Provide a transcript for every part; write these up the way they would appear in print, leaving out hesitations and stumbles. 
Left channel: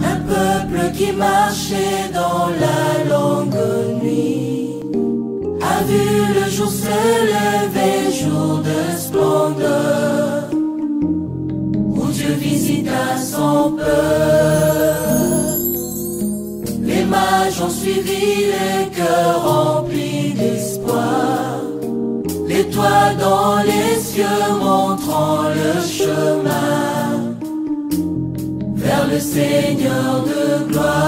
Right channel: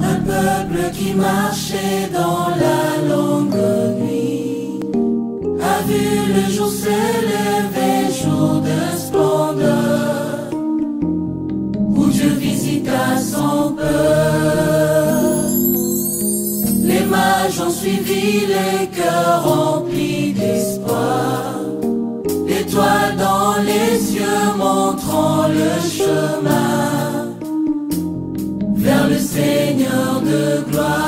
Un peuple qui marchait dans la longue nuit a vu le jour se lever, jour de splendeur, où Dieu visita son peuple. Les mages ont suivi les cœurs remplis d'espoir, l'étoile dans les cieux montrant le chemin vers le Seigneur de gloire.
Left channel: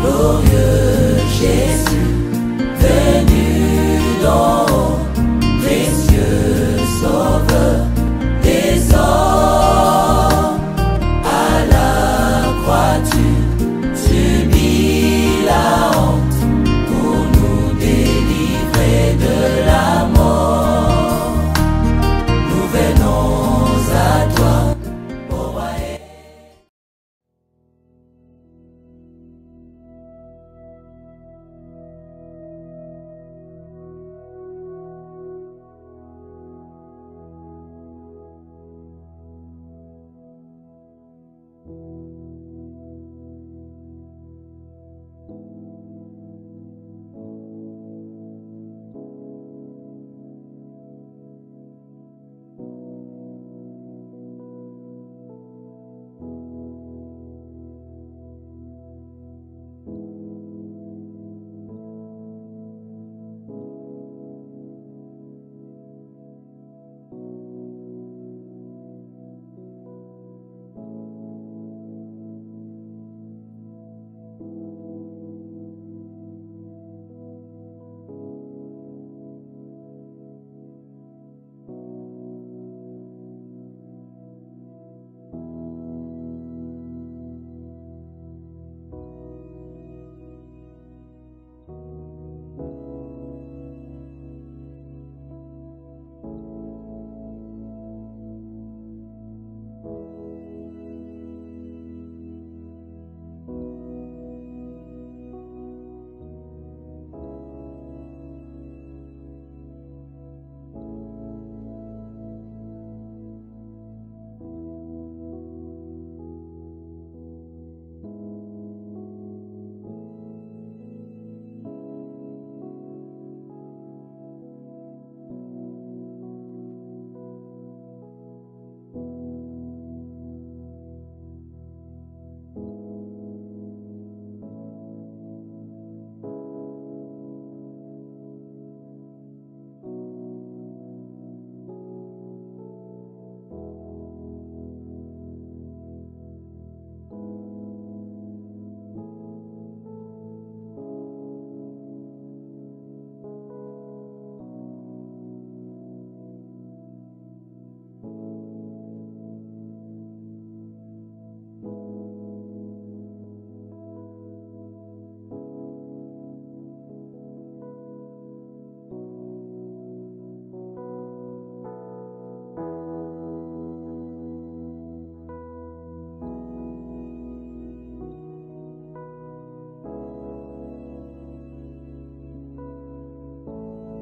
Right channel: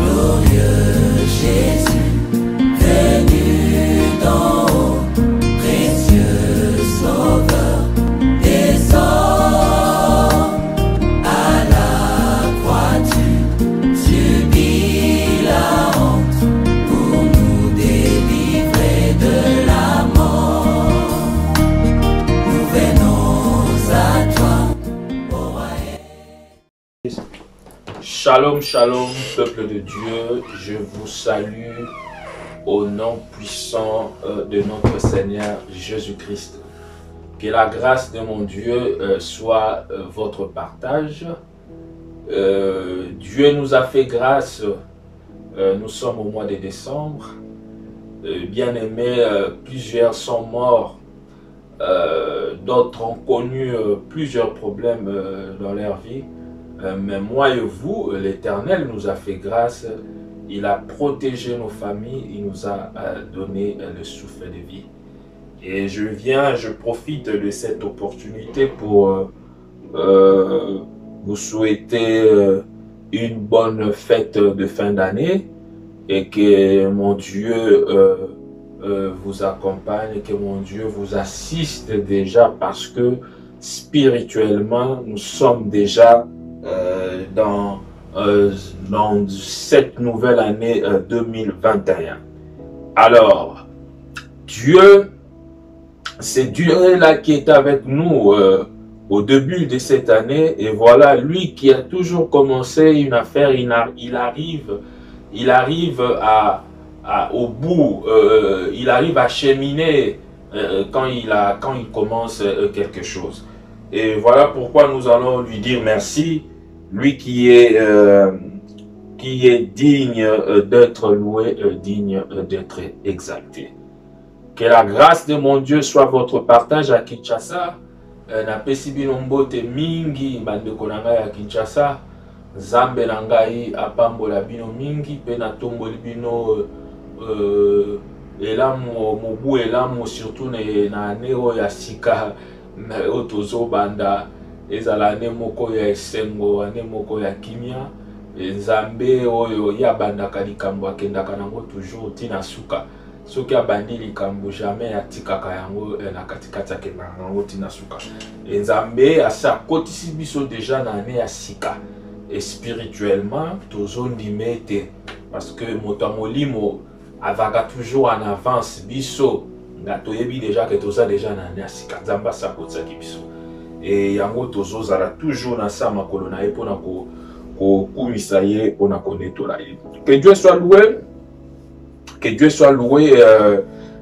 Glorieux Jésus, venu d'en haut, précieux Sauveur des hommes, à la croix tu subis la honte pour nous délivrer de la mort. Nous venons à toi, ô roi. Shalom, shalom, peuple de Dieu, je vous salue au nom puissant de notre Seigneur Jésus-Christ. Que la grâce de mon Dieu soit votre partage. Dieu nous a fait grâce, nous sommes au mois de décembre. Bien-aimés, plusieurs sont morts, d'autres ont connu plusieurs problèmes dans leur vie. Mais moi et vous, l'Éternel nous a fait grâce, il a protégé nos familles, il nous a donné le souffle de vie. Et je profite de cette opportunité pour vous souhaiter une bonne fête de fin d'année et que mon Dieu vous accompagne, que mon Dieu vous assiste déjà parce que spirituellement, nous sommes déjà dans cette nouvelle année 2021. Alors, Dieu, c'est Dieu là qui est avec nous au début de cette année, et voilà, lui qui a toujours commencé une affaire, il arrive au bout, il arrive à cheminer quand il commence quelque chose. Et voilà pourquoi nous allons lui dire merci, lui qui est digne d'être loué, digne d'être exalté. Que la grâce de mon Dieu soit votre partage à Kinshasa. Na pesi bino mbote mingi bandeko na ngai ya Kinshasa. Nzambe na ngai apambola bino mingi pe na tomboli bino elamu mobu elamu surtout na ane oyo ya sika oyo tozobanda ezala ane moko ya esengo, ane moko ya kimia. Nzambe oyo ya bandaka likambo akendaka nango toujours tina suka. Soki abandi likambo jamais atikaka yango na katikati akendaka nango tina suka. Nzambe asa akotisi biso deja na ane ya sika. Et spirituellement tozondime te parce que moto molimo avaka toujours en avance biso nga toyebi déjà que toza déjà na ane ya sika. Nzambe asa akotisaki biso. Et yango tozozala toujours na sa makolo na ye mpona kokumisa ye mpona konetola ye. Que Dieu soit loué, que Dieu soit loué,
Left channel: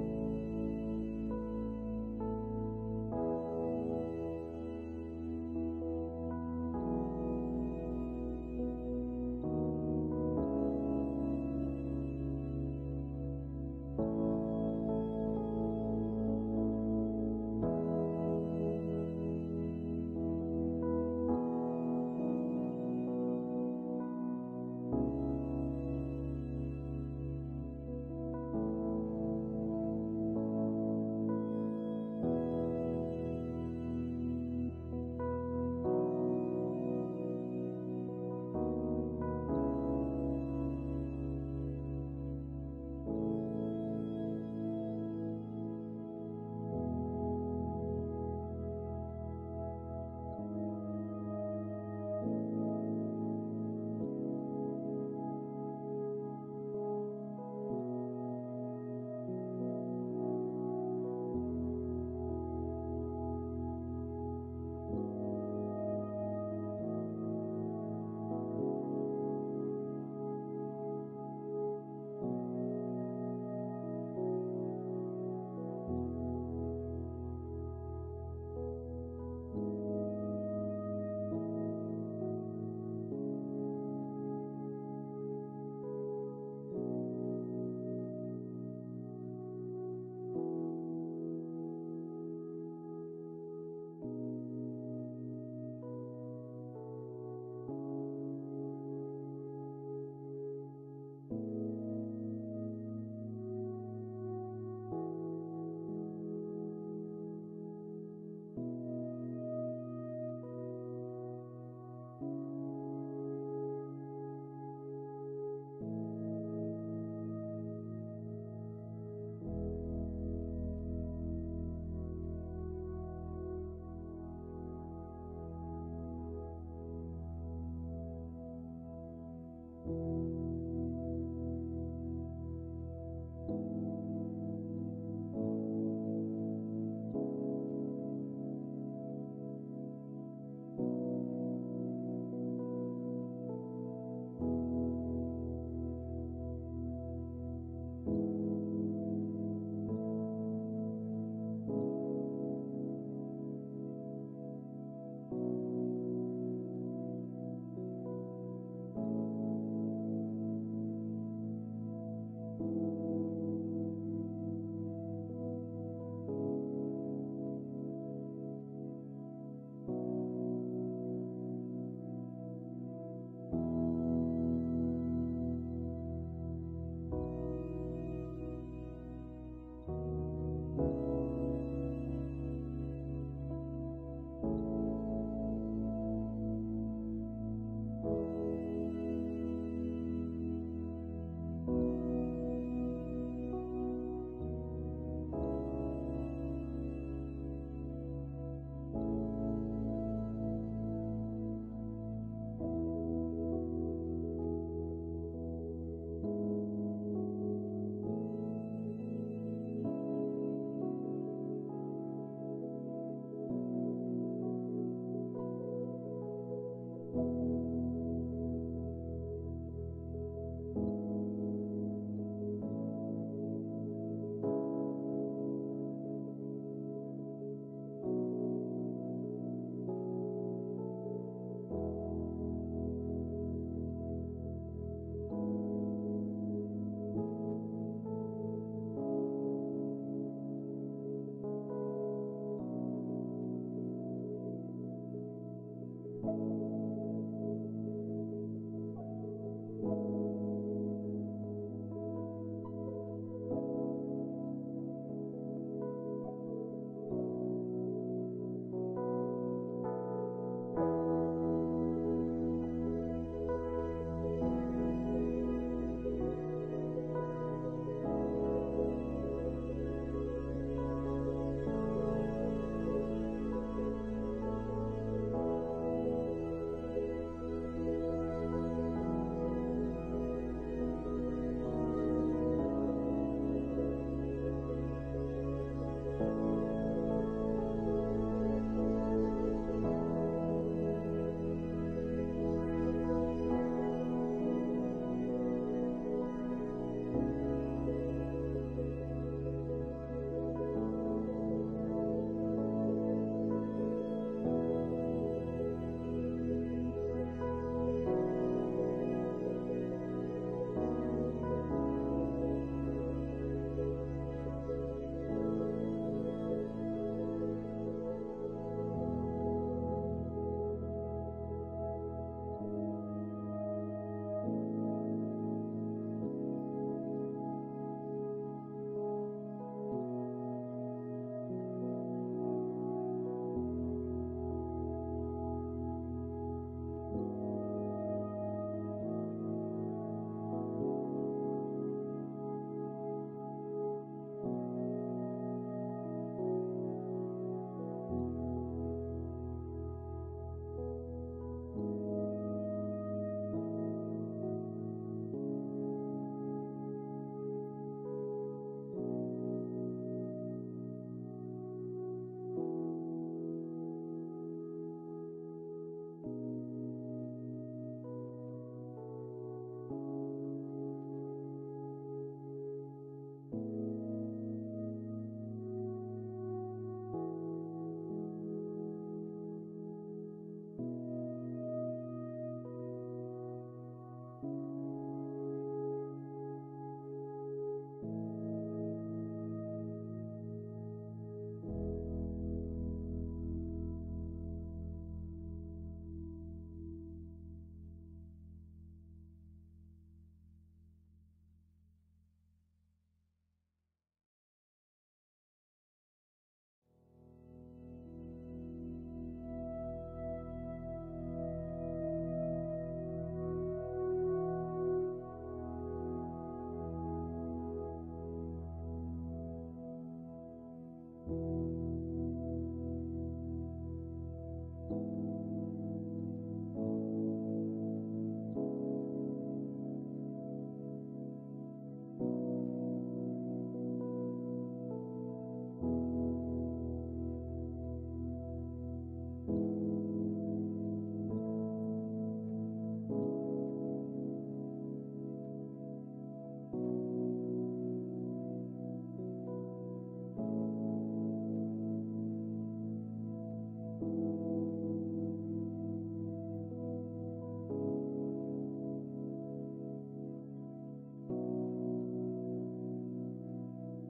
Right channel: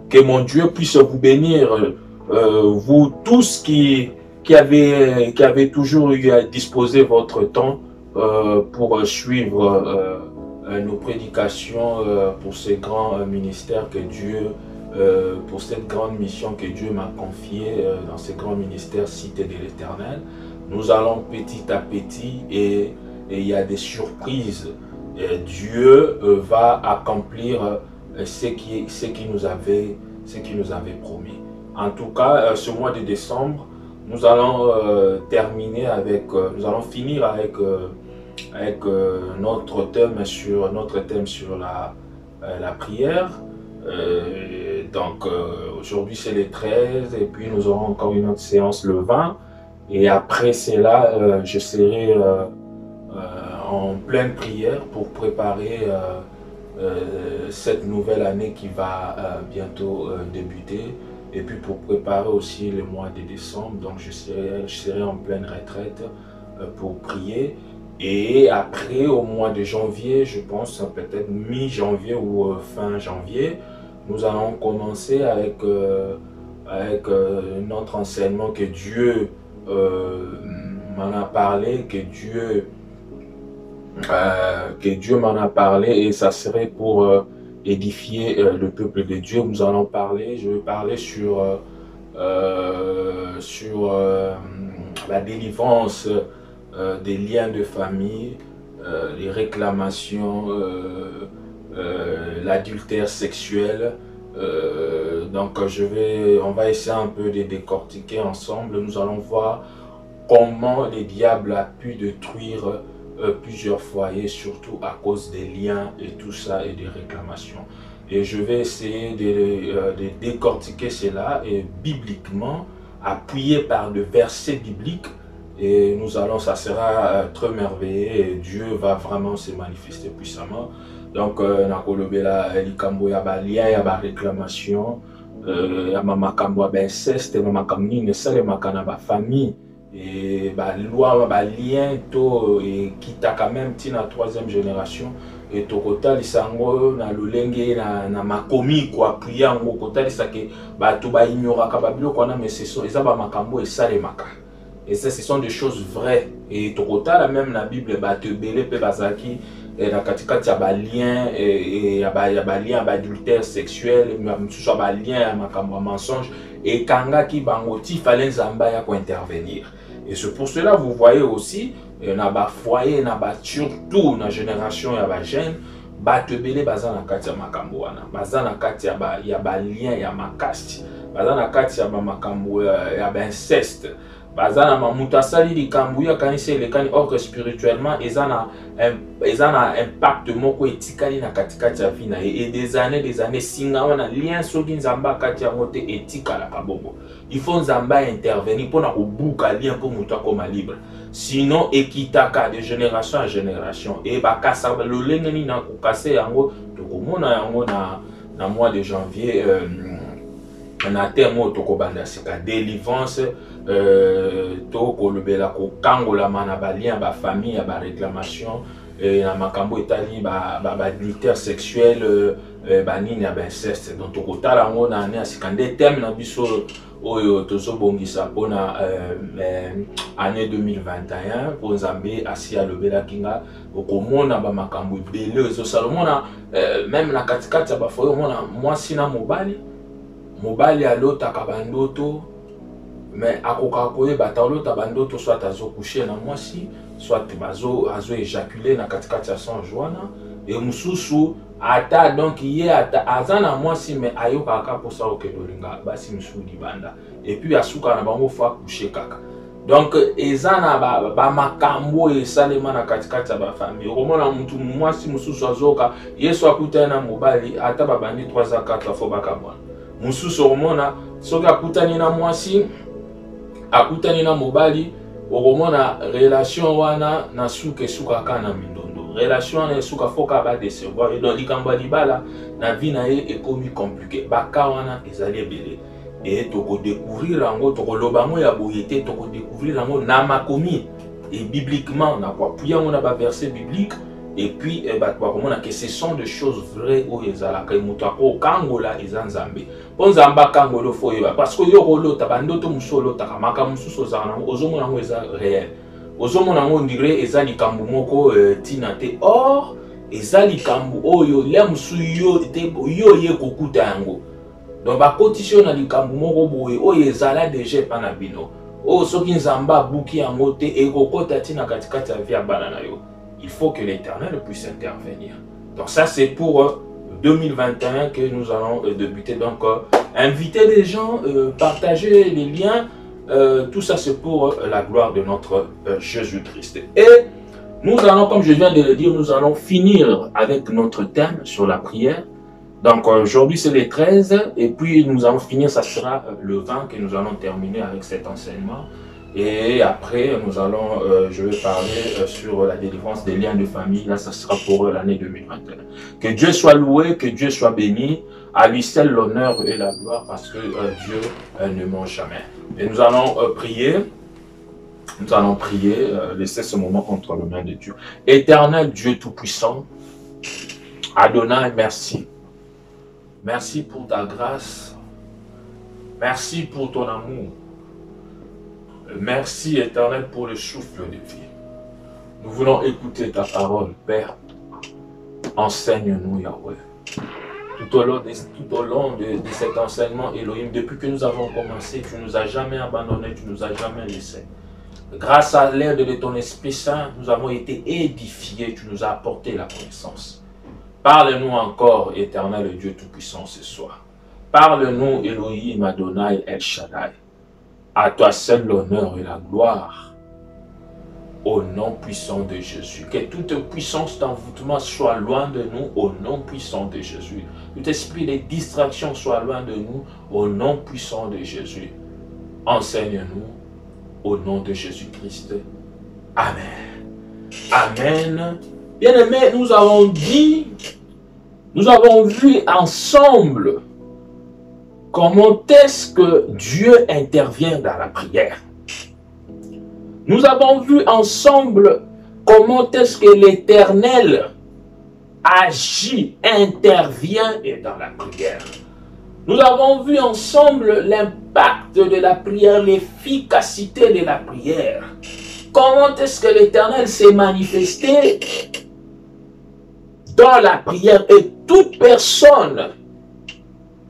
que mon Dieu puisse vous bénir, vous tous qui avez toujours eu à disposer votre temps pour suivre nos prédications pour ces grands ministères que Dieu, pour cette grande mission que Dieu m'a confiée dans ces grands ministères cités de l'Éternel. Nous allons petit à petit et il y a des surprises. Et Dieu va accomplir ce qui nous avait promis. En tout cas, ce mois de décembre, nous allons finir avec notre thème sur la prière. Donc aujourd'hui c'est le 13 et puis nous aurons encore une autre séance le 20 et après cela je serai en pleine prière pour préparer cette nouvelle année qui va bientôt débuter et puis pour préparer aussi le mois de décembre. Donc je serai en pleine retraite pour prier. Et après, au mois de janvier, je pense peut-être mi-janvier ou fin janvier, nous allons commencer avec avec notre enseignement que Dieu m'en a parlé, que Dieu m'en a parlé, et ça serait pour édifier le peuple de Dieu. Nous allons parler, je vais parler sur la délivrance des liens de famille, les réclamations, l'adultère sexuel. Donc on va essayer un peu de décortiquer ensemble. Nous allons voir comment les diables a pu détruire plusieurs foyers, surtout à cause des liens et tout ça et des réclamations. Et je vais essayer de décortiquer cela et bibliquement, appuyé par des versets bibliques. Et nous allons, ça sera très merveilleux et Dieu va vraiment se manifester puissamment. Donc, nakolobela likambo ya ba lien ya ba réclamation, ya makambo ya inceste, makambo nini esalemaka na ba famille. Et ba loi ba lien to et kita quand même tina troisième génération et to kotalisa ngo na lolenge na makomi kwa priya ngo kotalisa ke bato ba ignoraka ba biloko na mais ce sont eza ba makambo esalemaka. Et ça, ce sont des choses vraies. Et to kotala même na Bible bato ebele pe bazaki na katikati ya ba lien et ya ba lien ba adultère sexuel, mususu ya ba lien ya makambo mensonge et kangaki bango ti fallait nzamba ya ko intervenir. Et c'est pour cela vous voyez aussi na ba foyer na ba surtout na génération ya ba jeune bato ebele baza na kati ya makambo wana, baza na kati ya ba lien ya makasi, baza na kati ya ba makambo ya ba inceste, baza na mamuta sali likambo ya kanisa elekani or spirituellement eza na impact moko etikali na katikati ya vie na et des années singa wana lien soki nzamba kati ya mote etikala kabongo. Il faut nzamba intervenir pour na kobuka lien pour muta koma libre. Sinon ekitaka de génération en génération et bakasa lolenge ni na kokase yango tokomona yango na mois de janvier na terme tokobanda sika délivrance tokolobela kokangola na ba lien ba famille ba réclamation na makambo etali ba adultère sexuel ba nini ya ba inceste. Donc tokotala yango na année sika nde terme na biso oyo tozobongisa mpona année 2021 po nzambe asi alobelaki nga okomona bamakambo ebele ezosalomona même na katikati ya bafoye omona mwasi na mobali alotaka bandoto mais akokaka koyeba ata olota bandoto soit azokouche na mwasi soit azo-éjaculer na katikati ya songe wana e mosusu ata donc ye ata aza na mwasi mais ayokaka mposa okende olinga basi mosusu libanda et puis asuka na bango fo akouche kaka. Donc eza na bamakambo esalema na katikati ya bafamille. Okomona mutu mwasi mosusu azoka yesu akutani na mobali ata babandi 3 à 4 fois bakabwana. Mosusu okomona soki akutani na mwasi akutani na mobali okomona relation wana na suka esukaka na mindondo. Relation na suka foka ba décevoir et donc likambo libala na vie na ye ekomi compliqué. Baka wana ezali ebele. Et toko découvrir yango tokoloba ngo ya boyete toko découvrir yango na makomi et bibliquement na kwa puya on a ba verset biblique et puis bakomona que ce sont des choses vraies où ezalaka mutu ako kangola ezanzambe ponzamba kangolo foyeba parce que yo kolota bandoto musolo takamaka mususu zana ozomona ngo eza réel ozomona ngo ndire eza likambo moko tina te or eza likambo oyo le musu yo ye kokuta yango. Donc bakotisi na likambo moko boye oyo ezala déjà pa na bino o soki nzamba buki yango te ekokota tina katikati ya vie ya bana na yo. Il faut que l'Éternel puisse intervenir. Donc ça c'est pour 2021 que nous allons débuter. Donc inviter les gens, partager les liens, tout ça c'est pour la gloire de notre Jésus-Christ. Et nous allons, comme je viens de le dire, nous allons finir avec notre thème sur la prière. Donc aujourd'hui c'est le 13 et puis nous allons finir, ça sera le 20 que nous allons terminer avec cet enseignement. Et après nous allons, je vais parler sur la délivrance des liens de famille. Là ça sera pour l'année 2021. Que Dieu soit loué, que Dieu soit béni. À lui seul l'honneur et la gloire parce que Dieu ne ment jamais. Et nous allons prier. Nous allons prier, laisser ce moment entre les mains de Dieu. Éternel Dieu Tout-Puissant, Adonai, merci. Merci pour ta grâce. Merci pour ton amour. Merci, Éternel, pour le souffle de vie. Nous voulons écouter ta parole, Père. Enseigne-nous, Yahweh. Tout au long de cet enseignement, Elohim, depuis que nous avons commencé, tu ne nous as jamais abandonnés, tu ne nous as jamais laissés. Grâce à l'aide de ton Esprit Saint, nous avons été édifiés, tu nous as apporté la connaissance. Parle-nous encore, Éternel Dieu Tout-Puissant, ce soir. Parle-nous, Elohim, Adonai, El Shaddai. À toi seul l'honneur et la gloire. Au nom puissant de Jésus. Que toute puissance d'envoûtement soit loin de nous, au nom puissant de Jésus. Tout esprit de distraction soit loin de nous, au nom puissant de Jésus. Enseigne-nous, au nom de Jésus-Christ. Amen. Amen. Bien-aimés, nous avons vu ensemble comment est-ce que Dieu intervient dans la prière. Nous avons vu ensemble comment est-ce que l'Éternel agit, intervient dans la prière. Nous avons vu ensemble l'impact de la prière, l'efficacité de la prière. Comment est-ce que l'Éternel s'est manifesté dans la prière, et toute personne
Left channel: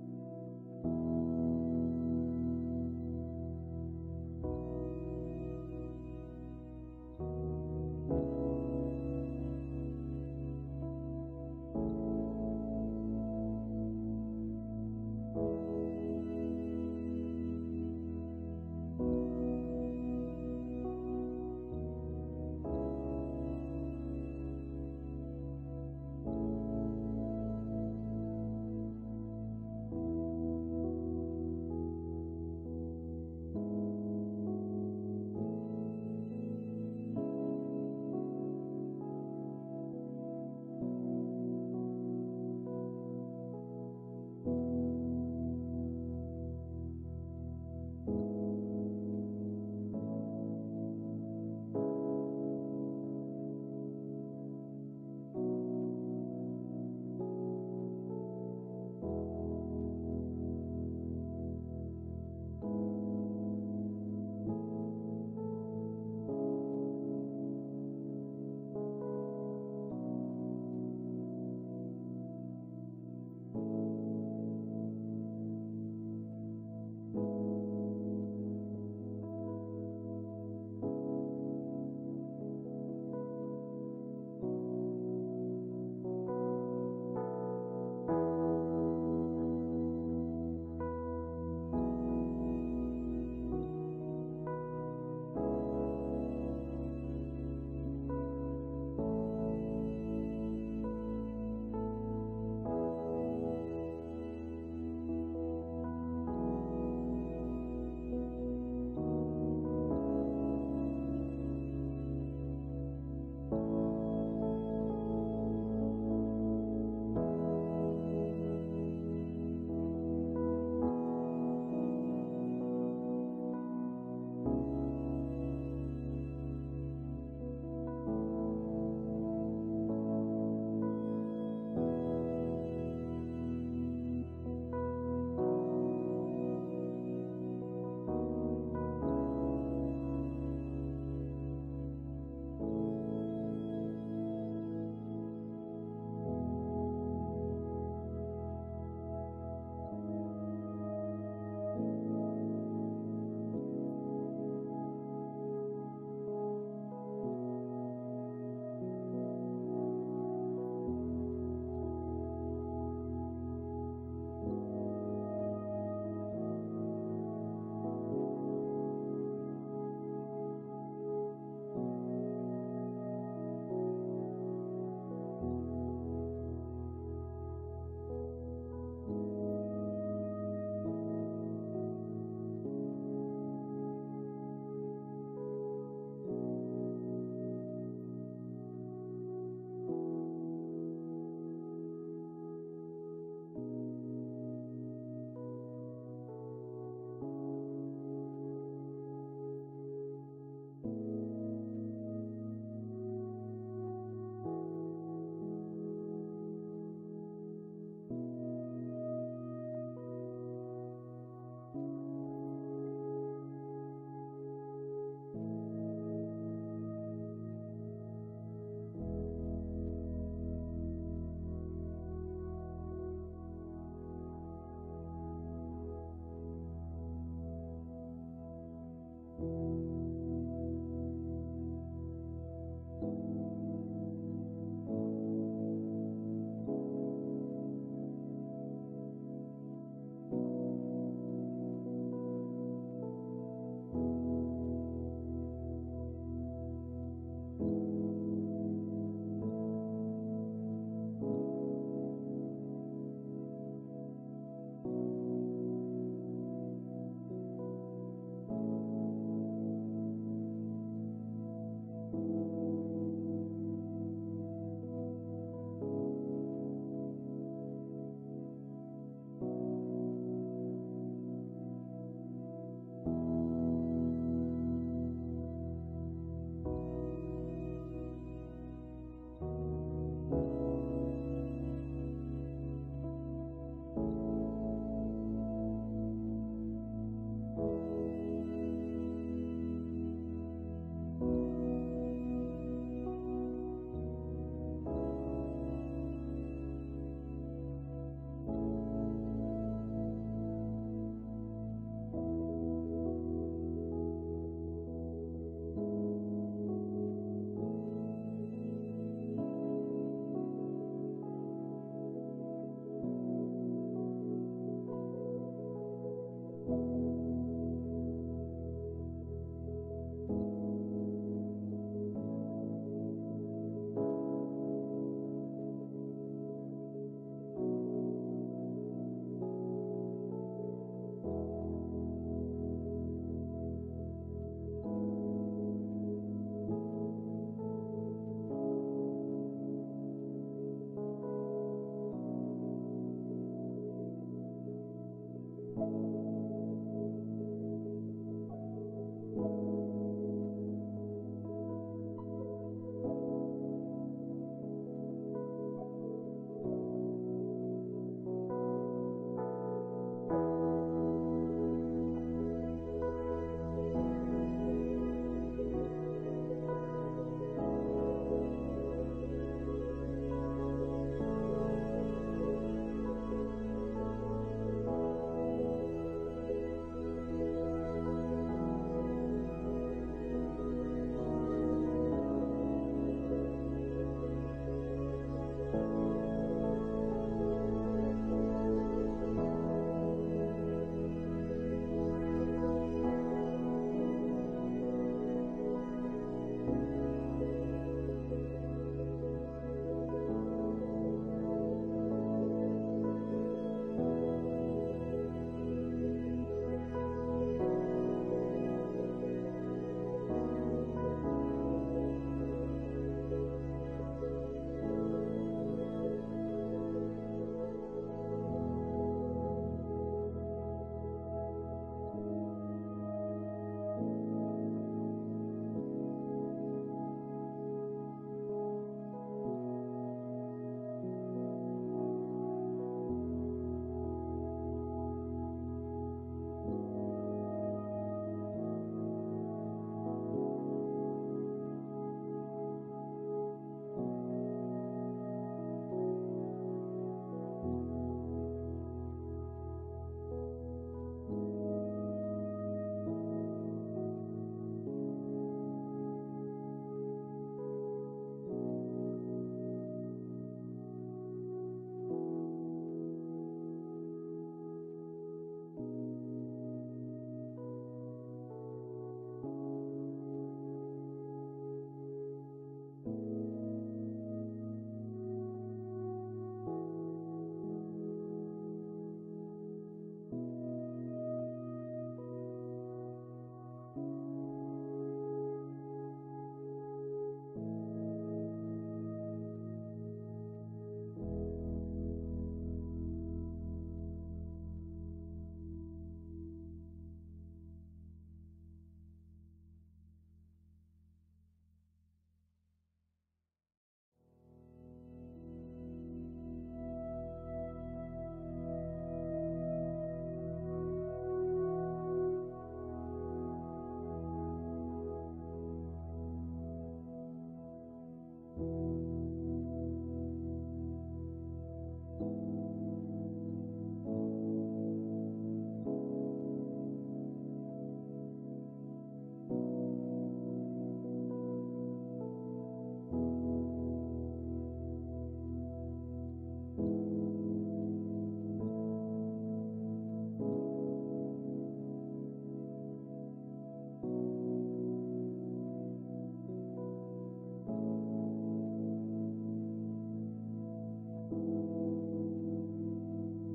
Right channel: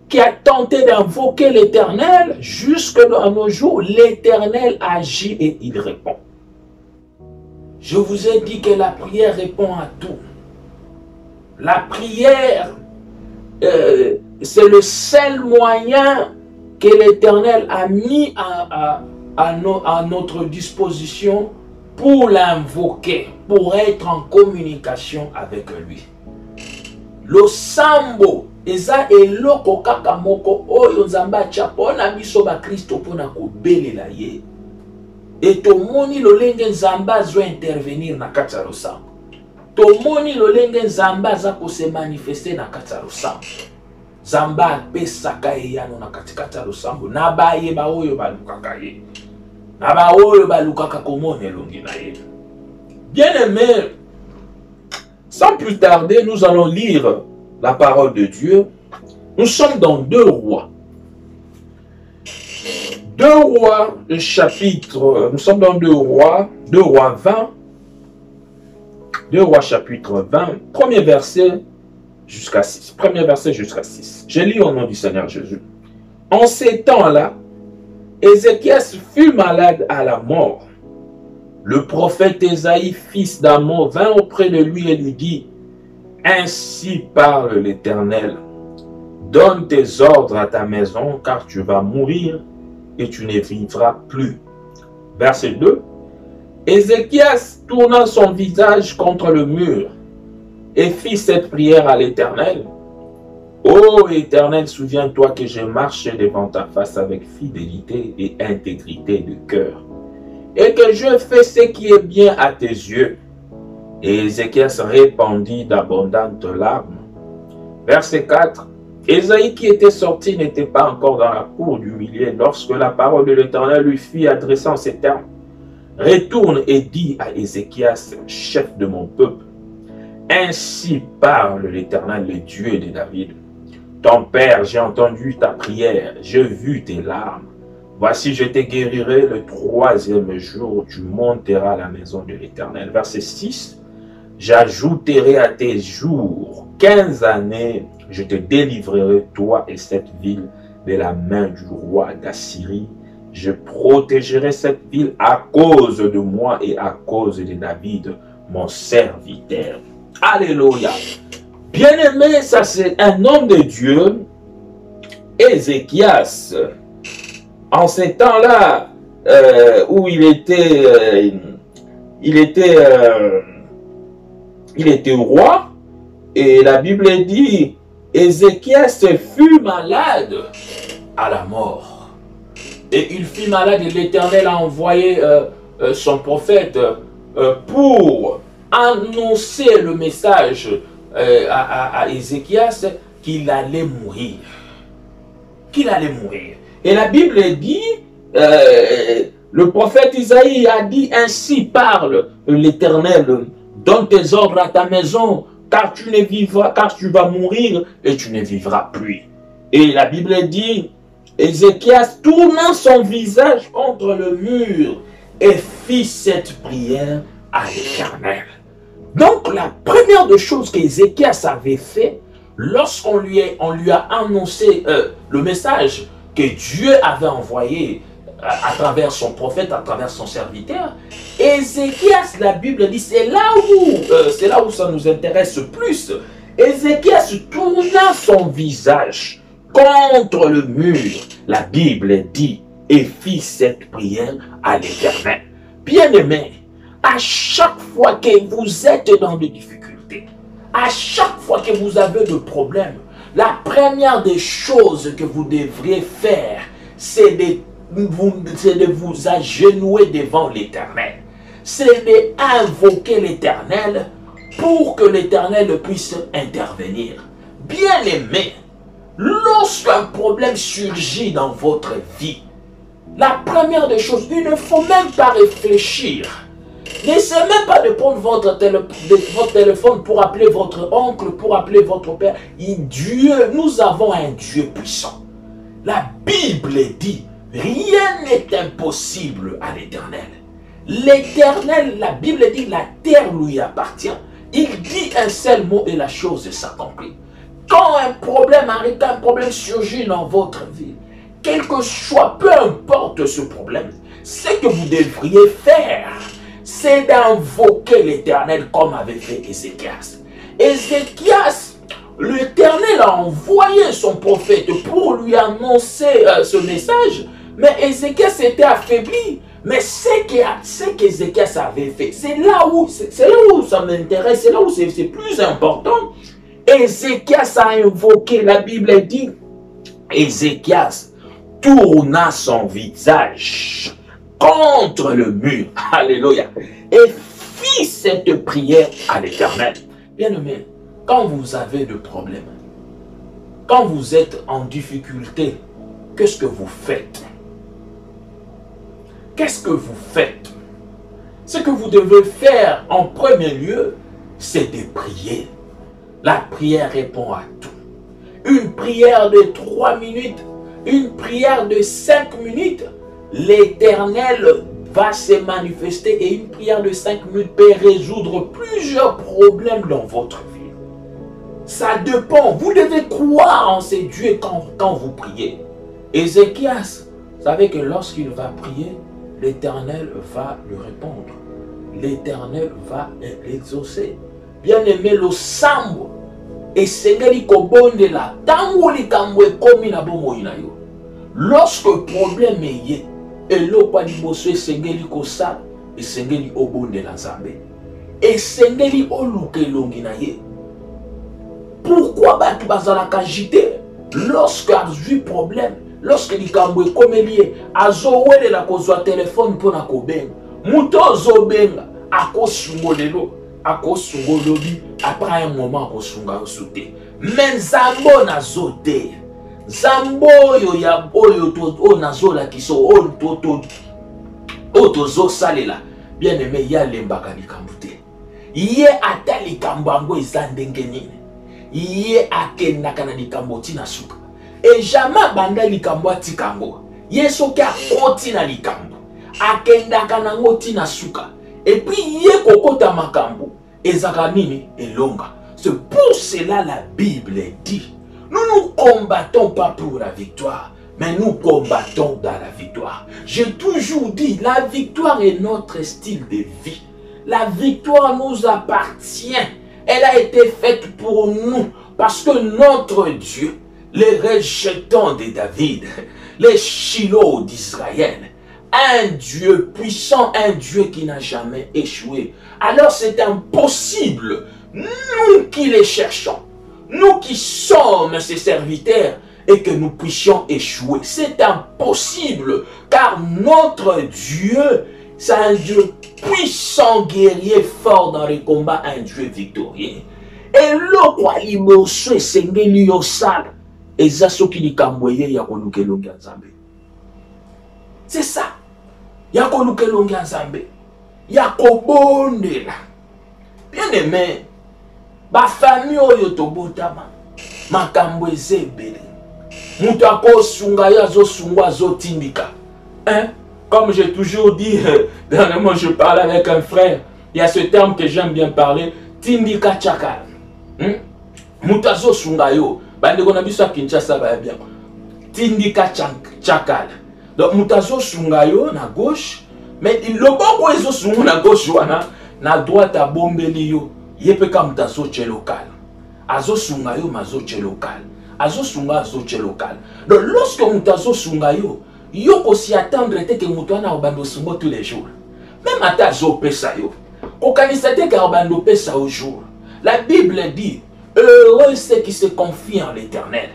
qui a tenté d'invoquer l'Éternel, jusque dans nos jours, l'Éternel agit et il répond. Je vous ai dit que la prière répond à tout. La prière, c'est le seul moyen que l'Éternel a mis à notre disposition pour l'invoquer, pour être en communication avec lui. Le sambo eza eloko kaka moko oyo nzambe atia mpona biso bakristo mpona kobelela ye. Et tomoni lolenge nzambe azwa intervenir na kati ya losambo. Tomoni lolenge nzambe aza kose manifeste na kati ya losambo. Nzambe apesaka eyano na katikati ya losambo na bayeba oyo balukaka ye. Na ba oyo balukaka komona elongi na ye. Bien-aimés, sans plus tarder, nous allons lire la parole de Dieu. Nous sommes dans 2 Rois. 2 Rois, le chapitre, nous sommes dans 2 Rois 20. 2 Rois chapitre 20, premier verset jusqu'à 6. Premier verset jusqu'à 6. Je lis au nom du Seigneur Jésus. En ces temps-là, Ézéchias fut malade à la mort. Le prophète Ésaïe, fils d'Amon, vint auprès de lui et lui dit: Ainsi parle l'Éternel, donne tes ordres à ta maison, car tu vas mourir et tu ne vivras plus. Verset 2. Ézéchias tourna son visage contre le mur et fit cette prière à l'Éternel. Ô Éternel, souviens-toi que j'ai marché devant ta face avec fidélité et intégrité de cœur, et que je fais ce qui est bien à tes yeux. Et Ézéchias répandit d'abondantes larmes. Verset 4. Ésaïe qui était sorti n'était pas encore dans la cour du milieu lorsque la parole de l'Éternel lui fit adresser en ces termes: Retourne et dis à Ézéchias, chef de mon peuple, ainsi parle l'Éternel, le Dieu de David. Ton père, j'ai entendu ta prière, j'ai vu tes larmes. Voici, je te guérirai le 3e jour, tu monteras à la maison de l'Éternel. Verset 6. J'ajouterai à tes jours 15 années, je te délivrerai, toi et cette ville, de la main du roi d'Assyrie. Je protégerai cette ville à cause de moi et à cause de David, mon serviteur. Alléluia. Bien-aimé, ça c'est un homme de Dieu, Ézéchias. En ces temps-là, où il était roi, et la Bible dit, Ézéchias fut malade à la mort. Et il fut malade et l'Éternel a envoyé son prophète pour annoncer le message à Ézéchias qu'il allait mourir. Qu'il allait mourir. Et la Bible dit, le prophète Isaïe a dit, ainsi parle l'Éternel, donne tes ordres à ta maison, car tu ne vivras, car tu vas mourir et tu ne vivras plus. Et la Bible dit, Ézéchias, tournant son visage contre le mur, et fit cette prière à l'Éternel. Donc, la première des choses qu'Ézéchias avait fait, lorsqu'on lui a annoncé le message que Dieu avait envoyé à travers son prophète, à travers son serviteur, Ézéchias, la Bible dit, c'est là où ça nous intéresse plus. Ézéchias tourna son visage contre le mur, la Bible dit, et fit cette prière à l'Éternel. Bien-aimés, à chaque fois que vous êtes dans des difficultés, à chaque fois que vous avez des problèmes, la première des choses que vous devriez faire, c'est de vous agenouiller devant l'Éternel. C'est d'invoquer l'Éternel pour que l'Éternel puisse intervenir. Bien-aimés, lorsqu'un problème surgit dans votre vie, la première des choses, il ne faut même pas réfléchir. N'essayez même pas de prendre votre téléphone pour appeler votre oncle, pour appeler votre père. Dieu, nous avons un Dieu puissant. La Bible dit, rien n'est impossible à l'Éternel. L'Éternel, la Bible dit, la terre lui appartient. Il dit un seul mot et la chose s'accomplit. Quand un problème arrive, quand un problème surgit dans votre vie, quel que soit, peu importe ce problème, ce que vous devriez faire, c'est d'invoquer l'Éternel comme avait fait Ézéchias. Ézéchias, l'Éternel a envoyé son prophète pour lui annoncer ce message, mais Ézéchias était affaibli. Mais ce qu'Ézéchias avait fait, c'est là où ça m'intéresse, c'est là où c'est plus important. Ézéchias a invoqué, la Bible dit, Ézéchias tourna son visage contre le mur, alléluia, et fit cette prière à l'Éternel. Bien-aimé, quand vous avez des problèmes, quand vous êtes en difficulté, qu'est-ce que vous faites? Qu'est-ce que vous faites? Ce que vous devez faire en premier lieu, c'est de prier. La prière répond à tout. Une prière de 3 minutes, une prière de 5 minutes, l'Éternel va se manifester et une prière de 5 minutes peut résoudre plusieurs problèmes dans votre vie. Ça dépend. Vous devez croire en ces dieux quand vous priez. Ézéchias savait que lorsqu'il va prier, l'Éternel va lui répondre. L'Éternel va l'exaucer. Bien-aimé, le sambo et sengeli kobondela tango likambo ekomi na bomoi na yo. Lorsque problème est eloko liboso esengeli kosala esengeli obondela Nzambe. Esengeli oluka elongi na ye. Pourquoi batu bazalaka agité lorsque azwi problème? Lorsque likambo ekomeli ye azowelela kozwa telefone mpona kobenga, muto azobenga akosungolelo akosungolobi, après un moment akosunga osute. Mais Nzambe nazote Nzambe oyo ya oyo to nazola kiso otozo salela, bien aimé, ya lembaka likambo te. Ye ata likambo yango eza ndenge nini, ye akendaka na likambo tina suka. Et jamais banda likambo atikango. Ye soki akoti na likambo akendaka nango tina suka. Et puis ye kokota makambo ezaka nini elonga. C'est pour cela la Bible dit, nous ne combattons pas pour la victoire, mais nous combattons dans la victoire. J'ai toujours dit, la victoire est notre style de vie. La victoire nous appartient. Elle a été faite pour nous parce que notre Dieu, les rejetants de David, les Shiloh d'Israël, un Dieu puissant, un Dieu qui n'a jamais échoué. Alors c'est impossible, nous qui les cherchons, nous qui sommes ses serviteurs, et que nous puissions échouer. C'est impossible, car notre Dieu, c'est un Dieu puissant, guerrier, fort dans les combats, un Dieu victorieux. Et le quoi liboso esengeli yosala eza soki likambo ye ya kolukelongi ya Nzambe. C'est ça. Ya kolukelongi ya Nzambe. Ya kobondela. Bien aimé, ba famille oyo tobotama makambo eza ebele. Moutako Sungaya zo sungwa zo tindika. Hein? Comme j'ai toujours dit, dernièrement je parlais avec un frère, il y a ce terme que j'aime bien parler, tindika chakal. Moutazo sungayo, bande kona biso Kinshasa ba bien. Tindika chakal. Donc moutazo sungayo na gauche, mais le bon ezo sungu na gauche wana, na droite a bombeli yo, yepeka moutazo che local. Azo sungayo mazo che local. Azo sunga azo che local. Donc lorsque moutazo sungayo, yo aussi attendre que moutouana obando sungo tous les jours. Même à ta zo pesa yo. Kokanisa te ka obando pesa au jour. La Bible dit, heureux ceux qui se confient en l'Éternel.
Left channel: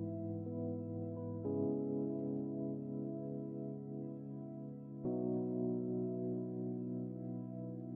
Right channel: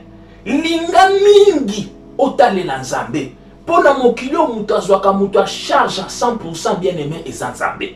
Linga mingi otale la nzambe. Pona mokilo moutazwaka moutwa charge à 100% bien aimé et nzambe.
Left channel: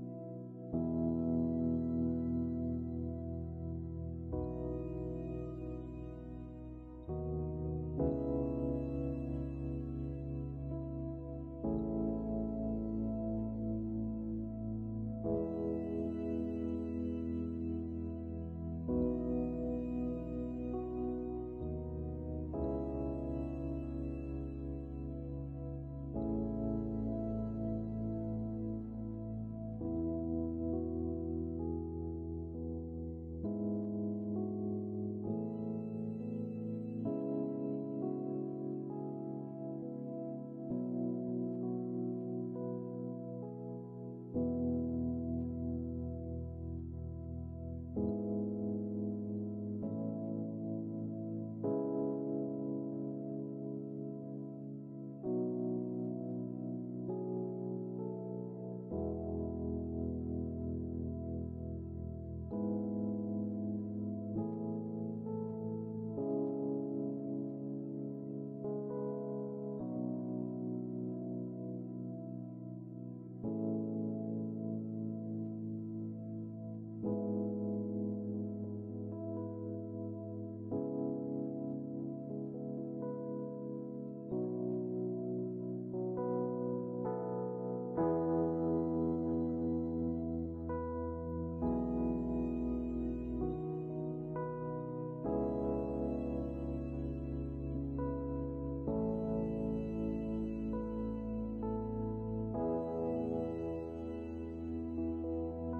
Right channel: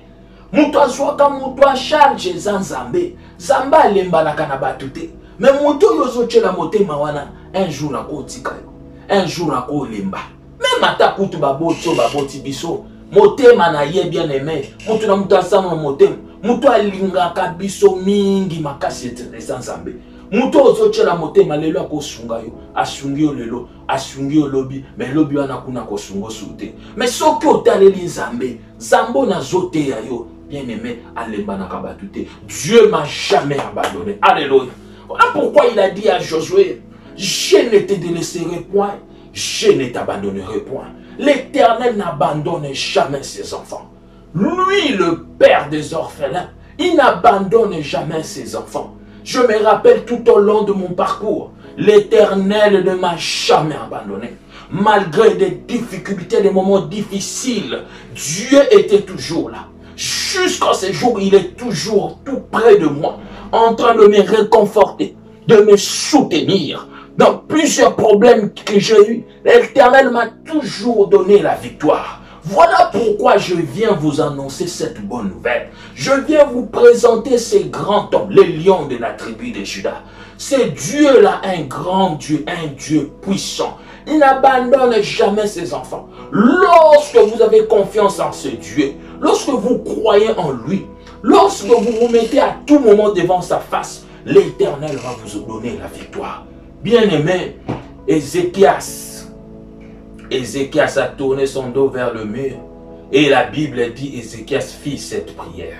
Moutazwaka moutwa charge nzambe. Zamba lemba na kana batute. Mais moto yozo chela motema wana un jour na kotika yo. Un jour na ko lemba. Même ata kutu baboti biso. Motema na ye bien aimé. Moto na mutazama motema. Muto alingaka biso mingi makasi etereza nzambe. Muto ozochela motema lelo akosunga yo, asungi yo lelo, asungi yo lobi, mais lobi wana kuna kosungo sute. Mais soki otaleli nzambe, zambo na zote ya yo, bien aimé, alemba na kabatute. Dieu m'a jamais abandonné. Alléluia. Voilà pourquoi il a dit à Josué, je ne te délaisserai point, je ne t'abandonnerai point. L'Éternel n'abandonne jamais ses enfants. Lui, le père des orphelins, il n'abandonne jamais ses enfants. Je me rappelle tout au long de mon parcours, l'Éternel ne m'a jamais abandonné. Malgré des difficultés, des moments difficiles, Dieu était toujours là. Jusqu'à ce jour, il est toujours tout près de moi, en train de me réconforter, de me soutenir. Dans plusieurs problèmes que j'ai eus, l'Éternel m'a toujours donné la victoire. Voilà pourquoi je viens vous annoncer cette bonne nouvelle. Je viens vous présenter ces grands hommes, les lions de la tribu de Juda. C'est Dieu-là, un grand Dieu, un Dieu puissant. Il n'abandonne jamais ses enfants. Lorsque vous avez confiance en ce Dieu, lorsque vous croyez en lui, lorsque vous vous mettez à tout moment devant sa face, l'Éternel va vous donner la victoire. Bien-aimé, Ézéchias a tourné son dos vers le mur. Et la Bible dit, Ézéchias fit cette prière.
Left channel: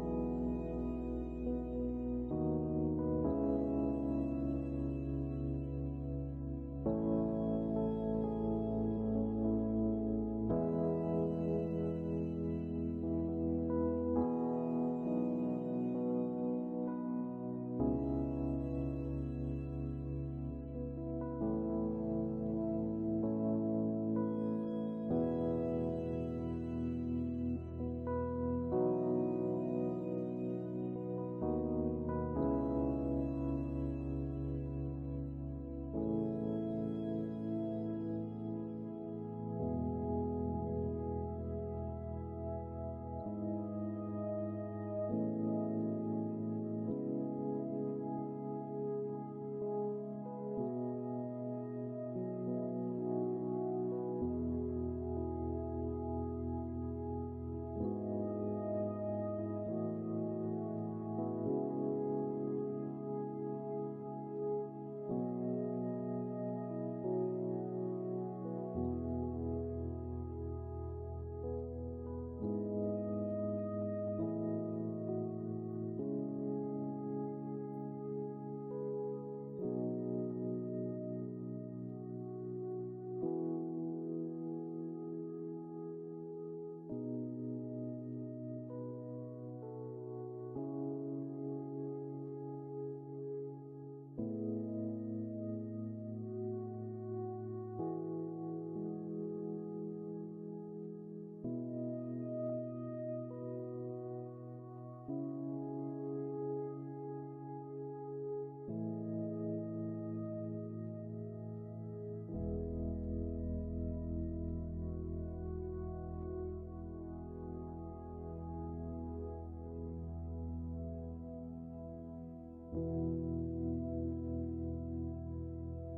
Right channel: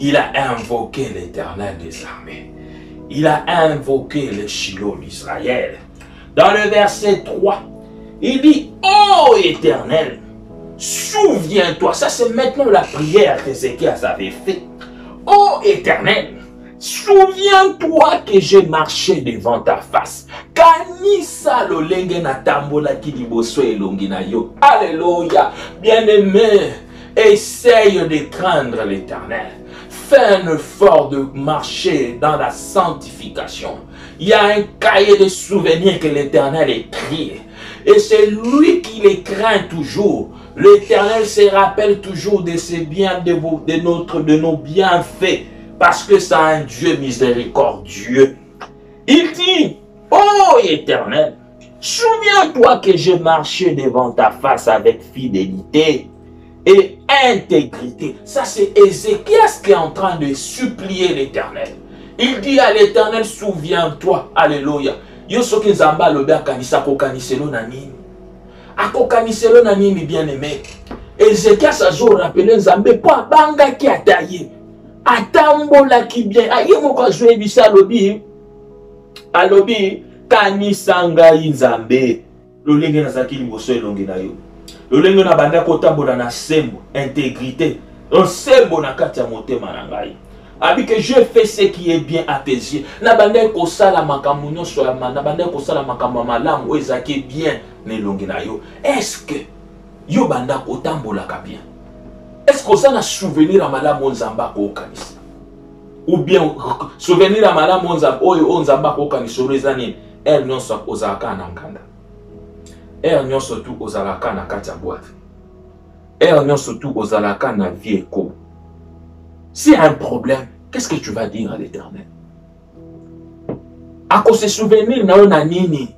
Il a invoqué l'Éternel des armées. Il a invoqué le Shiloh d'Israël. Dans le verset 3, il dit, ô Éternel, souviens-toi. Ça, c'est maintenant la prière qu'Ézéchias avait faite. Ô Éternel, souviens-toi que j'ai marché devant ta face. Kanisa lolenge na tambola kiliboso elongi na yo. Alléluia. Bien-aimé, essaye de craindre l'Éternel. Fais un effort de marcher dans la sanctification. Il y a un cahier de souvenirs que l'Éternel écrit. Et c'est lui qui les craint toujours. L'Éternel se rappelle toujours de ses biens, de nos bienfaits. Parce que c'est un Dieu miséricordieux. Il dit, ô Éternel, souviens-toi que j'ai marché devant ta face avec fidélité et intégrité. Ça, c'est Ézéchias qui est en train de supplier l'Éternel. Il dit à l'Éternel, souviens-toi. Alléluia. Yo soki nzamba lobe akanisa kokaniselo na nini. Akokaniselo na nini, bien-aimé. Ézéchias a zo rappelé nzambe po abanga ki ataye. Atambola ki bien. Aye moko azwe bisa alobi. Alobi kanisa ngai nzambe. Lolenge na zaki liboso elongi na yo. Lolenge na banda kotambola na sembo, intégrité. Sembo na kati ya motema na ngai. Abi que je fais ce qui est bien à tes yeux. Na banda ko sala makambo nyonso ya na banda ko sala makambo malamu ezaki bien nelongi na yo. Est-ce que yo banda ko tambola ka bien? Est-ce que ça na souvenir à malamu nzamba ko kanisa? Ou bien souvenir à malamu nzamba oyo nzamba ko kanisa rezani elle nyonso ozalaka na nkanda. Elle nyonso tu ozalaka na kati ya boîte. Elle nyonso tu ozalaka na vie ko. S'il y a un problème, qu'est-ce que tu vas dire à l'Éternel? À cause de souvenirs, na nini,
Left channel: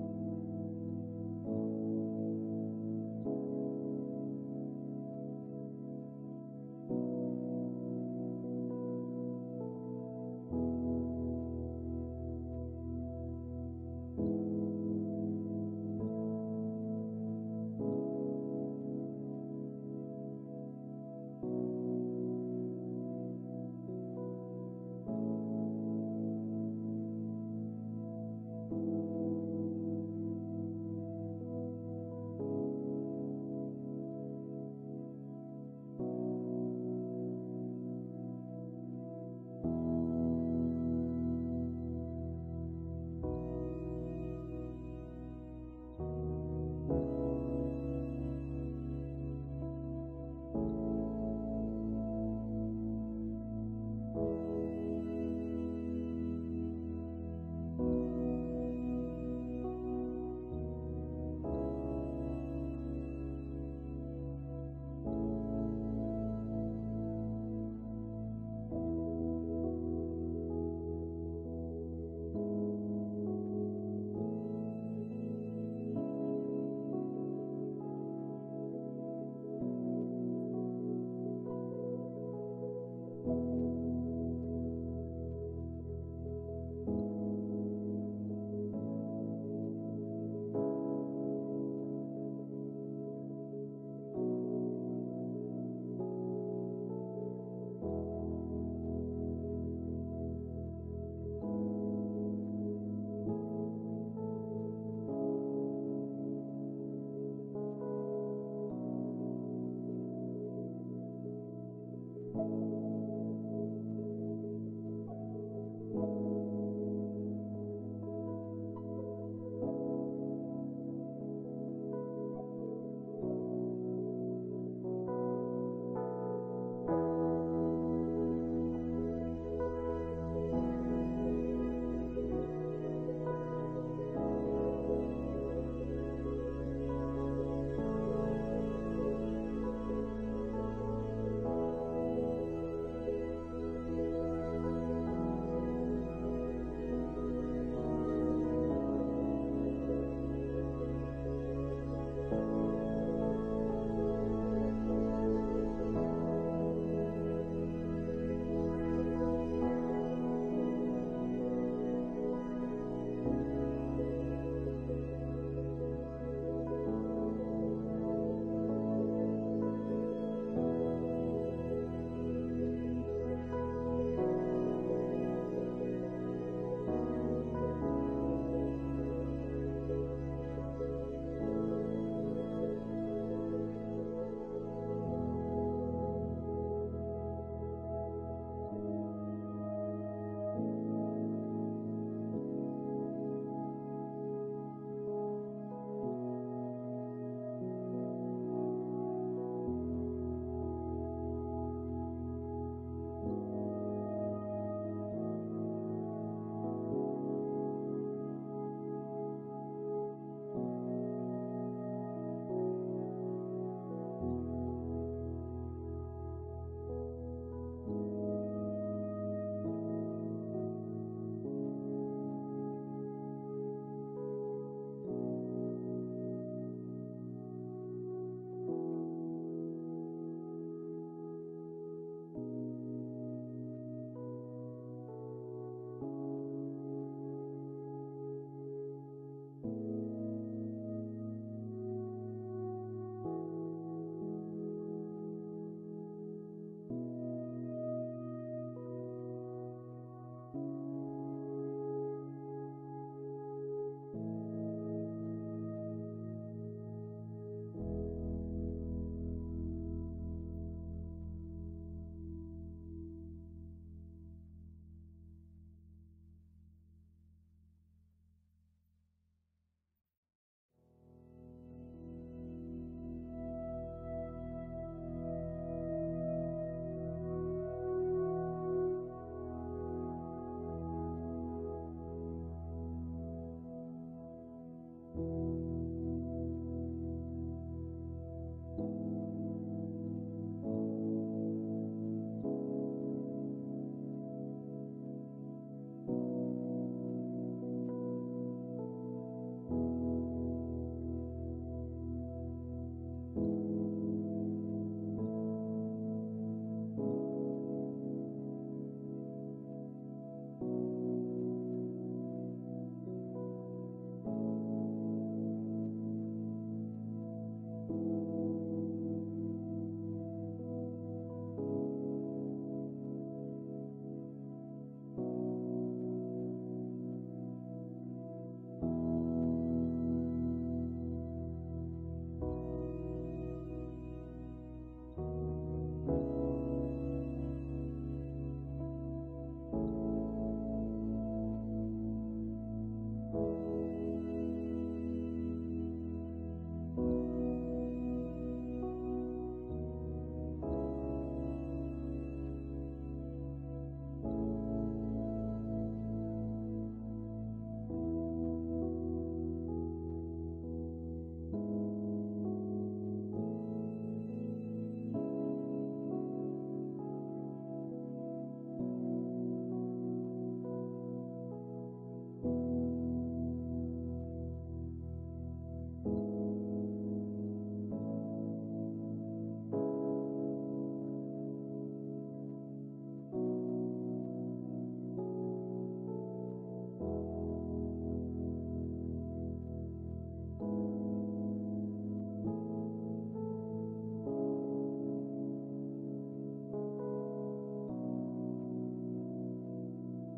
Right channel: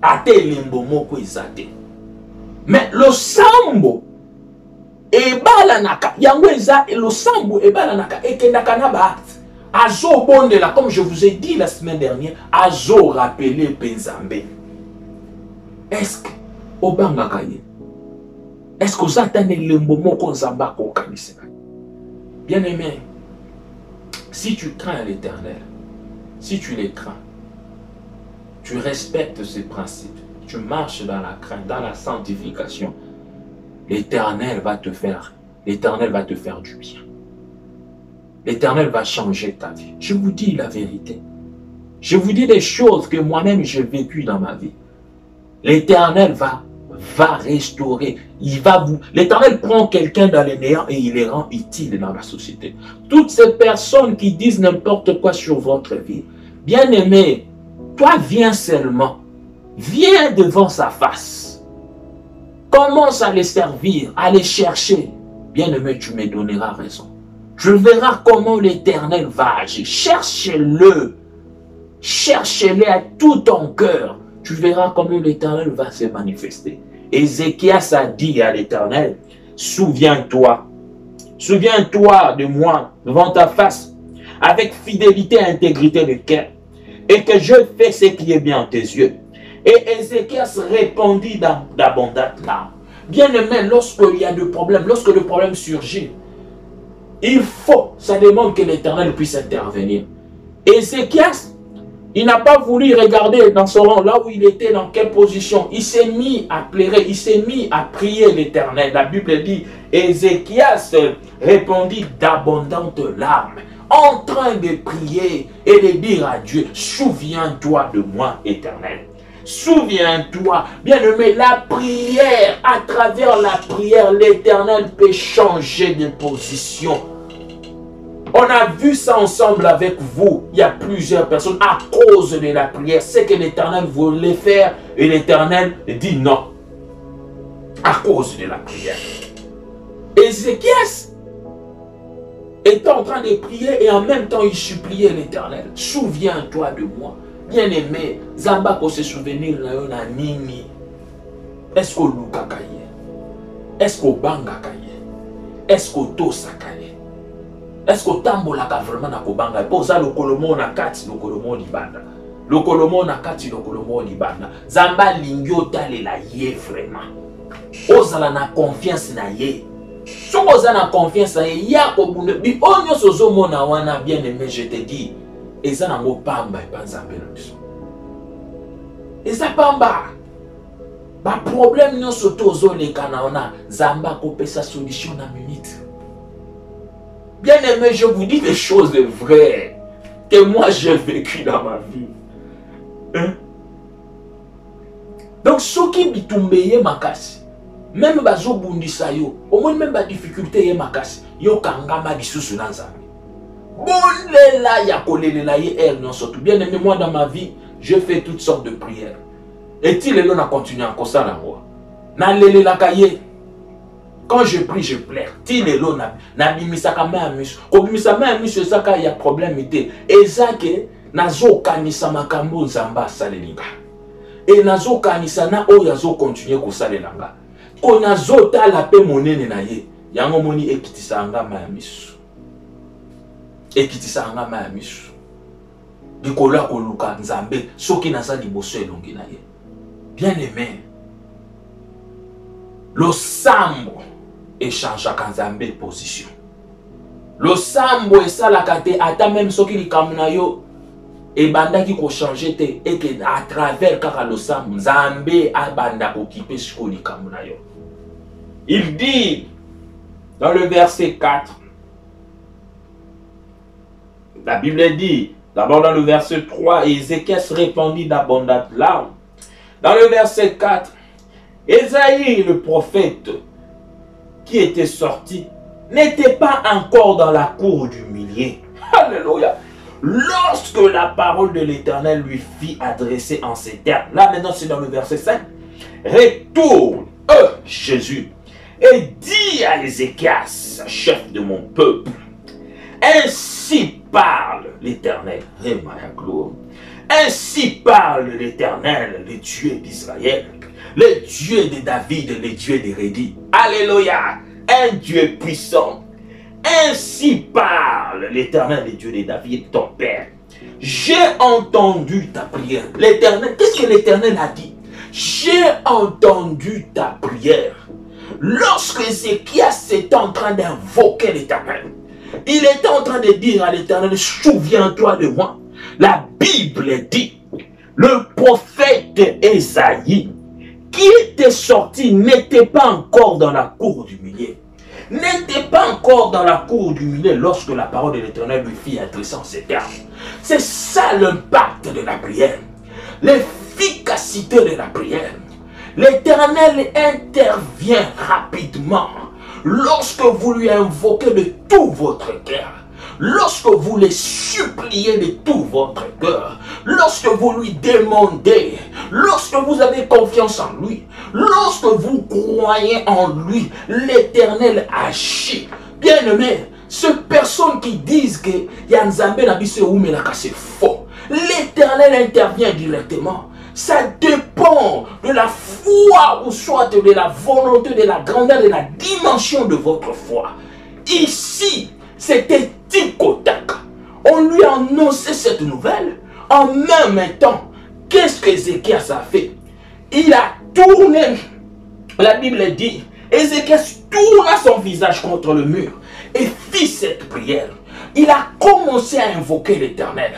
ate limbo moko izate. Mais le sambo, ebala naka, yango eza, le sambo, ebala naka, ekendaka na ba. Azo bondela, comme je vous ai dit la semaine dernière, azo rappeler Penzambe. Est-ce que obangaka ye? Est-ce que vous attendez le moment qu'on s'embarque au canisse? Bien-aimé, si tu crains l'Éternel, si tu les crains, tu respectes ses principes, tu marches dans la crainte, dans la sanctification, l'Éternel va te faire du bien. L'Éternel va changer ta vie. Je vous dis la vérité. Je vous dis des choses que moi-même j'ai vécues dans ma vie. L'Éternel va restaurer. L'Éternel prend quelqu'un dans les néants et il les rend utiles dans la société. Toutes ces personnes qui disent n'importe quoi sur votre vie, bien-aimé, toi viens seulement. Viens devant sa face. Commence à les servir, à les chercher. Bien-aimé, tu me donneras raison. Tu verras comment l'Éternel va agir. Cherche-le. Cherche-le à tout ton cœur. Tu verras comment l'Éternel va se manifester. Ézéchias a dit à l'Éternel, souviens-toi de moi devant ta face, avec fidélité et intégrité de cœur, et que je fais ce qui est bien à tes yeux. Et Ézéchias répondit d'abondantes larmes. Bien-aimé, lorsqu'il y a des problèmes, lorsque le problème surgit, ça demande que l'Éternel puisse intervenir. Ézéchias, il n'a pas voulu regarder dans son rang, là où il était, dans quelle position. Il s'est mis à pleurer, il s'est mis à prier l'Éternel. La Bible dit, Ézéchias répondit d'abondantes larmes, en train de prier et de dire à Dieu, souviens-toi de moi, Éternel. Souviens-toi, bien-aimé, la prière, à travers la prière, l'Éternel peut changer de position. On a vu ça ensemble avec vous. Il y a plusieurs personnes à cause de la prière. C'est que l'Éternel voulait faire et l'Éternel dit non. À cause de la prière. Ézéchias était en train de prier et en même temps il suppliait l'Éternel. Souviens-toi de moi. Bien-aimé, Zamba ko se souvenir na nini. Est-ce que Luka kaye? Est-ce que Banga kaye? Est-ce que Tosa kaye? Est-ce que tambolaka vraiment na kobanga? Poza lokolomo na kati lokolomo libanda. Lokolomo na kati lokolomo libanda. Zamba lingyo talela ye vraiment. Ozala na confiance na ye. Soko oza na confiance na ye, ya kobunde bi onyo sozo mona wana bien-aimé, je te dis. Eza na ngo pamba epanzambe na biso. Eza pamba. Ba problème nyonso tozo leka na ona, Zamba kopesa solution na minute. Bien-aimé, je vous dis des choses vraies que moi j'ai vécu dans ma vie. Hein? Donc, ce qui bitumbeye makasi, même bazo bundisa yo, au moins même ba difficulté ye makasi, yo kangama lisusu na Nzambe. Bolela ya kolelela ye non surtout. Bien-aimé, moi dans ma vie, je fais toutes sortes de prières. Et il est là, on a continué encore ça la moi. Na lele la kaye. Quand je prie, je pleure. Il est là, na bimisa kama amis. Ko bimisa ma amis, c'est ça qu'il y a problème était. Et ça que nazo kanisa makambo Nzamba salelinga. Et nazo kanisa na o yazo continuer ko salelanga. Ko nazo ta la pe monene na ye. Yango moni ekitisa anga ma amis. Ekitisa anga ma amis. Dikola ko luka Nzambe soki na sa liboso elongi na ye. Bien-aimé, le sambo échange à Nzambe position. Le sambo et ça la kate ata même soki li kamuna yo et banda qui ko changer te et que à travers kaka le sambo Nzambe a banda occupé siko li kamuna yo. Il dit dans le verset 4, la Bible dit d'abord dans le verset 3, Ézéchias répondit d'abondantes larmes. Dans le verset 4, Ésaïe, le prophète qui était sorti, n'était pas encore dans la cour du millier. Alléluia. Lorsque la parole de l'Éternel lui fit adresser en ces termes, là maintenant c'est dans le verset 5, retourne, Jésus, et dis à Ézéchias, chef de mon peuple, ainsi parle l'Éternel, ainsi parle l'Éternel, le Dieu d'Israël, le Dieu de David, le Dieu de Rédi. Alléluia, un Dieu puissant. Ainsi parle l'Éternel, le Dieu de David, ton Père. J'ai entendu ta prière. L'Éternel, qu'est-ce que l'Éternel a dit? j'ai entendu ta prière. Lorsque Ézéchias était en train d'invoquer l'Éternel, il était en train de dire à l'Éternel, souviens-toi de moi. La Bible dit, le prophète Ésaïe, qui était sorti, n'était pas encore dans la cour du milieu. N'était pas encore dans la cour du milieu lorsque la parole de l'Éternel lui fit adresser en ces termes. C'est ça l'impact de la prière. L'efficacité de la prière. L'Éternel intervient rapidement lorsque vous lui invoquez de tout votre cœur. Lorsque vous les suppliez de tout votre cœur, lorsque vous lui demandez, lorsque vous avez confiance en lui, lorsque vous croyez en lui, l'Éternel agit. Bien-aimé, ces personnes qui disent que Yanzambe Nabise Oumelaka c'est faux, l'Éternel intervient directement. Ça dépend de la foi ou soit de la volonté, de la grandeur, de la dimension de votre foi. Ici, c'était Tikotak. On lui a annoncé cette nouvelle. En même temps, qu'est-ce que Ézéchias a fait? Il a tourné. La Bible dit, Ézéchias tourna son visage contre le mur et fit cette prière. Il a commencé à invoquer l'Éternel.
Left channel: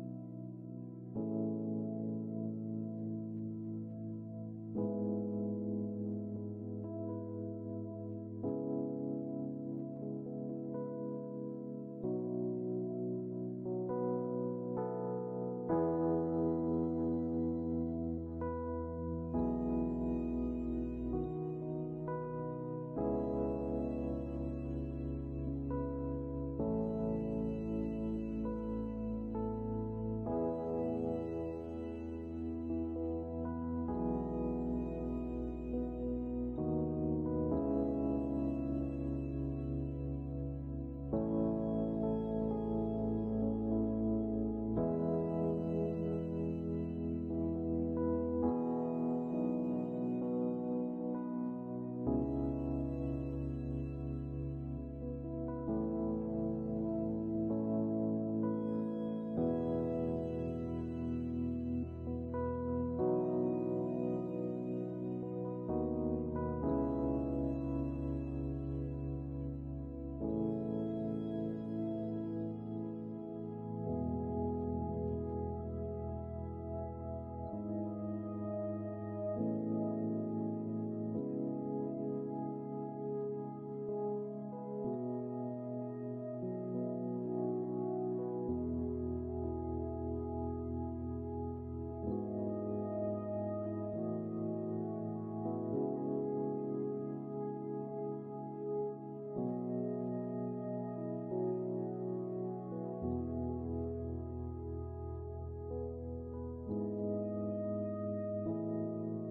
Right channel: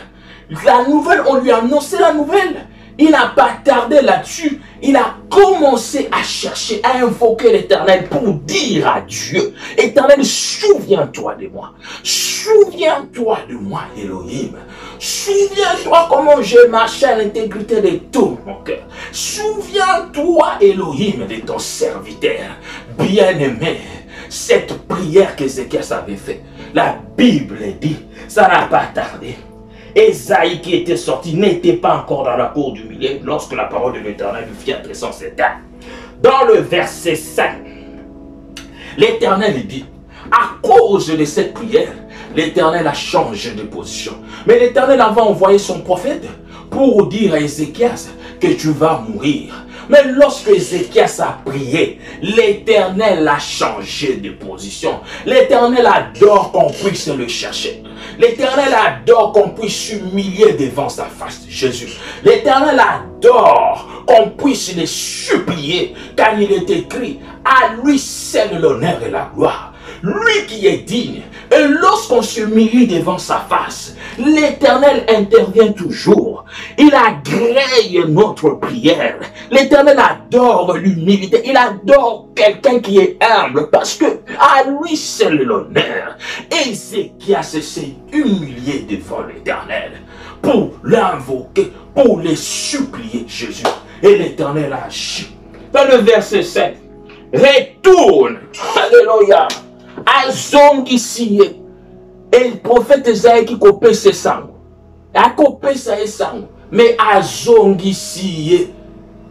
La nouvelle, on lui a annoncé la nouvelle. Il n'a pas tardé là-dessus. Il a commencé à chercher, à invoquer l'Éternel pour dire à Dieu, Éternel, souviens-toi de moi. Souviens-toi de moi, Elohim. Souviens-toi comment j'ai marché à l'intégrité de tout mon cœur. Souviens-toi, Elohim, de ton serviteur. Bien-aimé, cette prière qu'Ézéchias avait faite, la Bible dit, ça n'a pas tardé. Ésaïe qui était sorti n'était pas encore dans la cour du milieu lorsque la parole de l'Éternel lui fit adresser en ces termes. Dans le verset 5, l'Éternel dit, à cause de cette prière, l'Éternel a changé de position. Mais l'Éternel avait envoyé son prophète pour dire à Ézéchias que tu vas mourir. Mais lorsque Ézéchias a prié, l'Éternel a changé de position. L'Éternel adore qu'on puisse le chercher. L'Éternel adore qu'on puisse s'humilier devant sa face, Jésus. L'Éternel adore qu'on puisse le supplier, car il est écrit, à lui seul l'honneur et la gloire. Lui qui est digne. Et lorsqu'on s'humilie devant sa face, l'Éternel intervient toujours. Il agrée notre prière. L'Éternel adore l'humilité. Il adore quelqu'un qui est humble parce que à lui seul l'honneur. Ézéchias s'est humilié devant l'Éternel pour l'invoquer, pour le supplier Jésus. Et l'Éternel a agi. Dans le verset 7, retourne. Alléluia. Azongi siye. Et le prophète Esaïe qui copie ses sangs. A copé ses sangs. Mais azongi siye.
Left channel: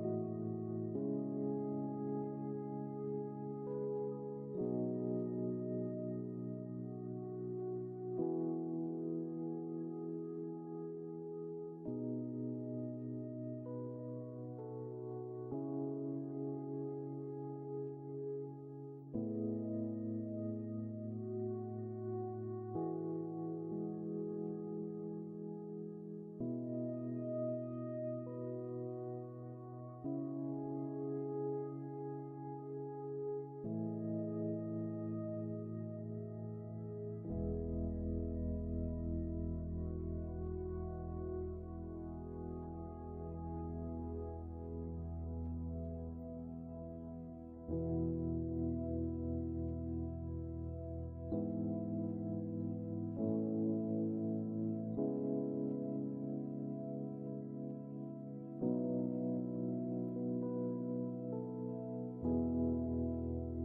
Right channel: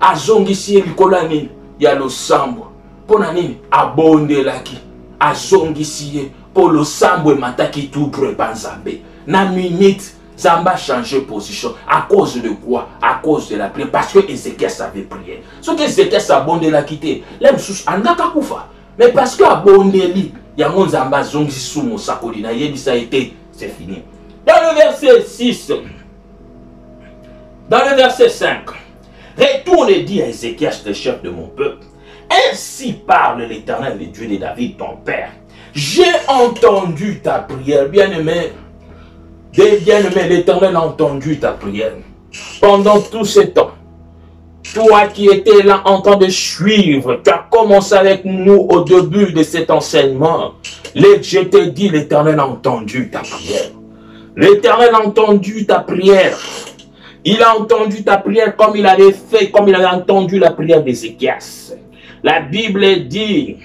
Azongi siye likola nini. Ya lo sambo. Pona nini. Abonde laki. Azongi siye. Pour le sambo mataki tout prepanzabe. Na minute. Zamba changé position. À cause de quoi? À cause de la prière. Parce que Ézéchias avait prié. Ce que Ézéchias a abondé la quitté. L'aime sous andaka koufa. Mais parce que abondé li. Yangon zamba zongi sumo sakolina. Yebisa été. C'est fini. Dans le verset 6. Dans le verset 5. Retourne et dis à Ézéchias, le chef de mon peuple. Ainsi parle l'Éternel, le Dieu de David, ton père. J'ai entendu ta prière, bien-aimé. Bien-aimé, l'Éternel a entendu ta prière. Pendant tout ce temps, toi qui étais là en train de suivre, tu as commencé avec nous au début de cet enseignement. Je t'ai dit, l'Éternel a entendu ta prière. L'Éternel a entendu ta prière. Il a entendu ta prière comme il avait fait, comme il avait entendu la prière d'Ézéchias. La Bible dit,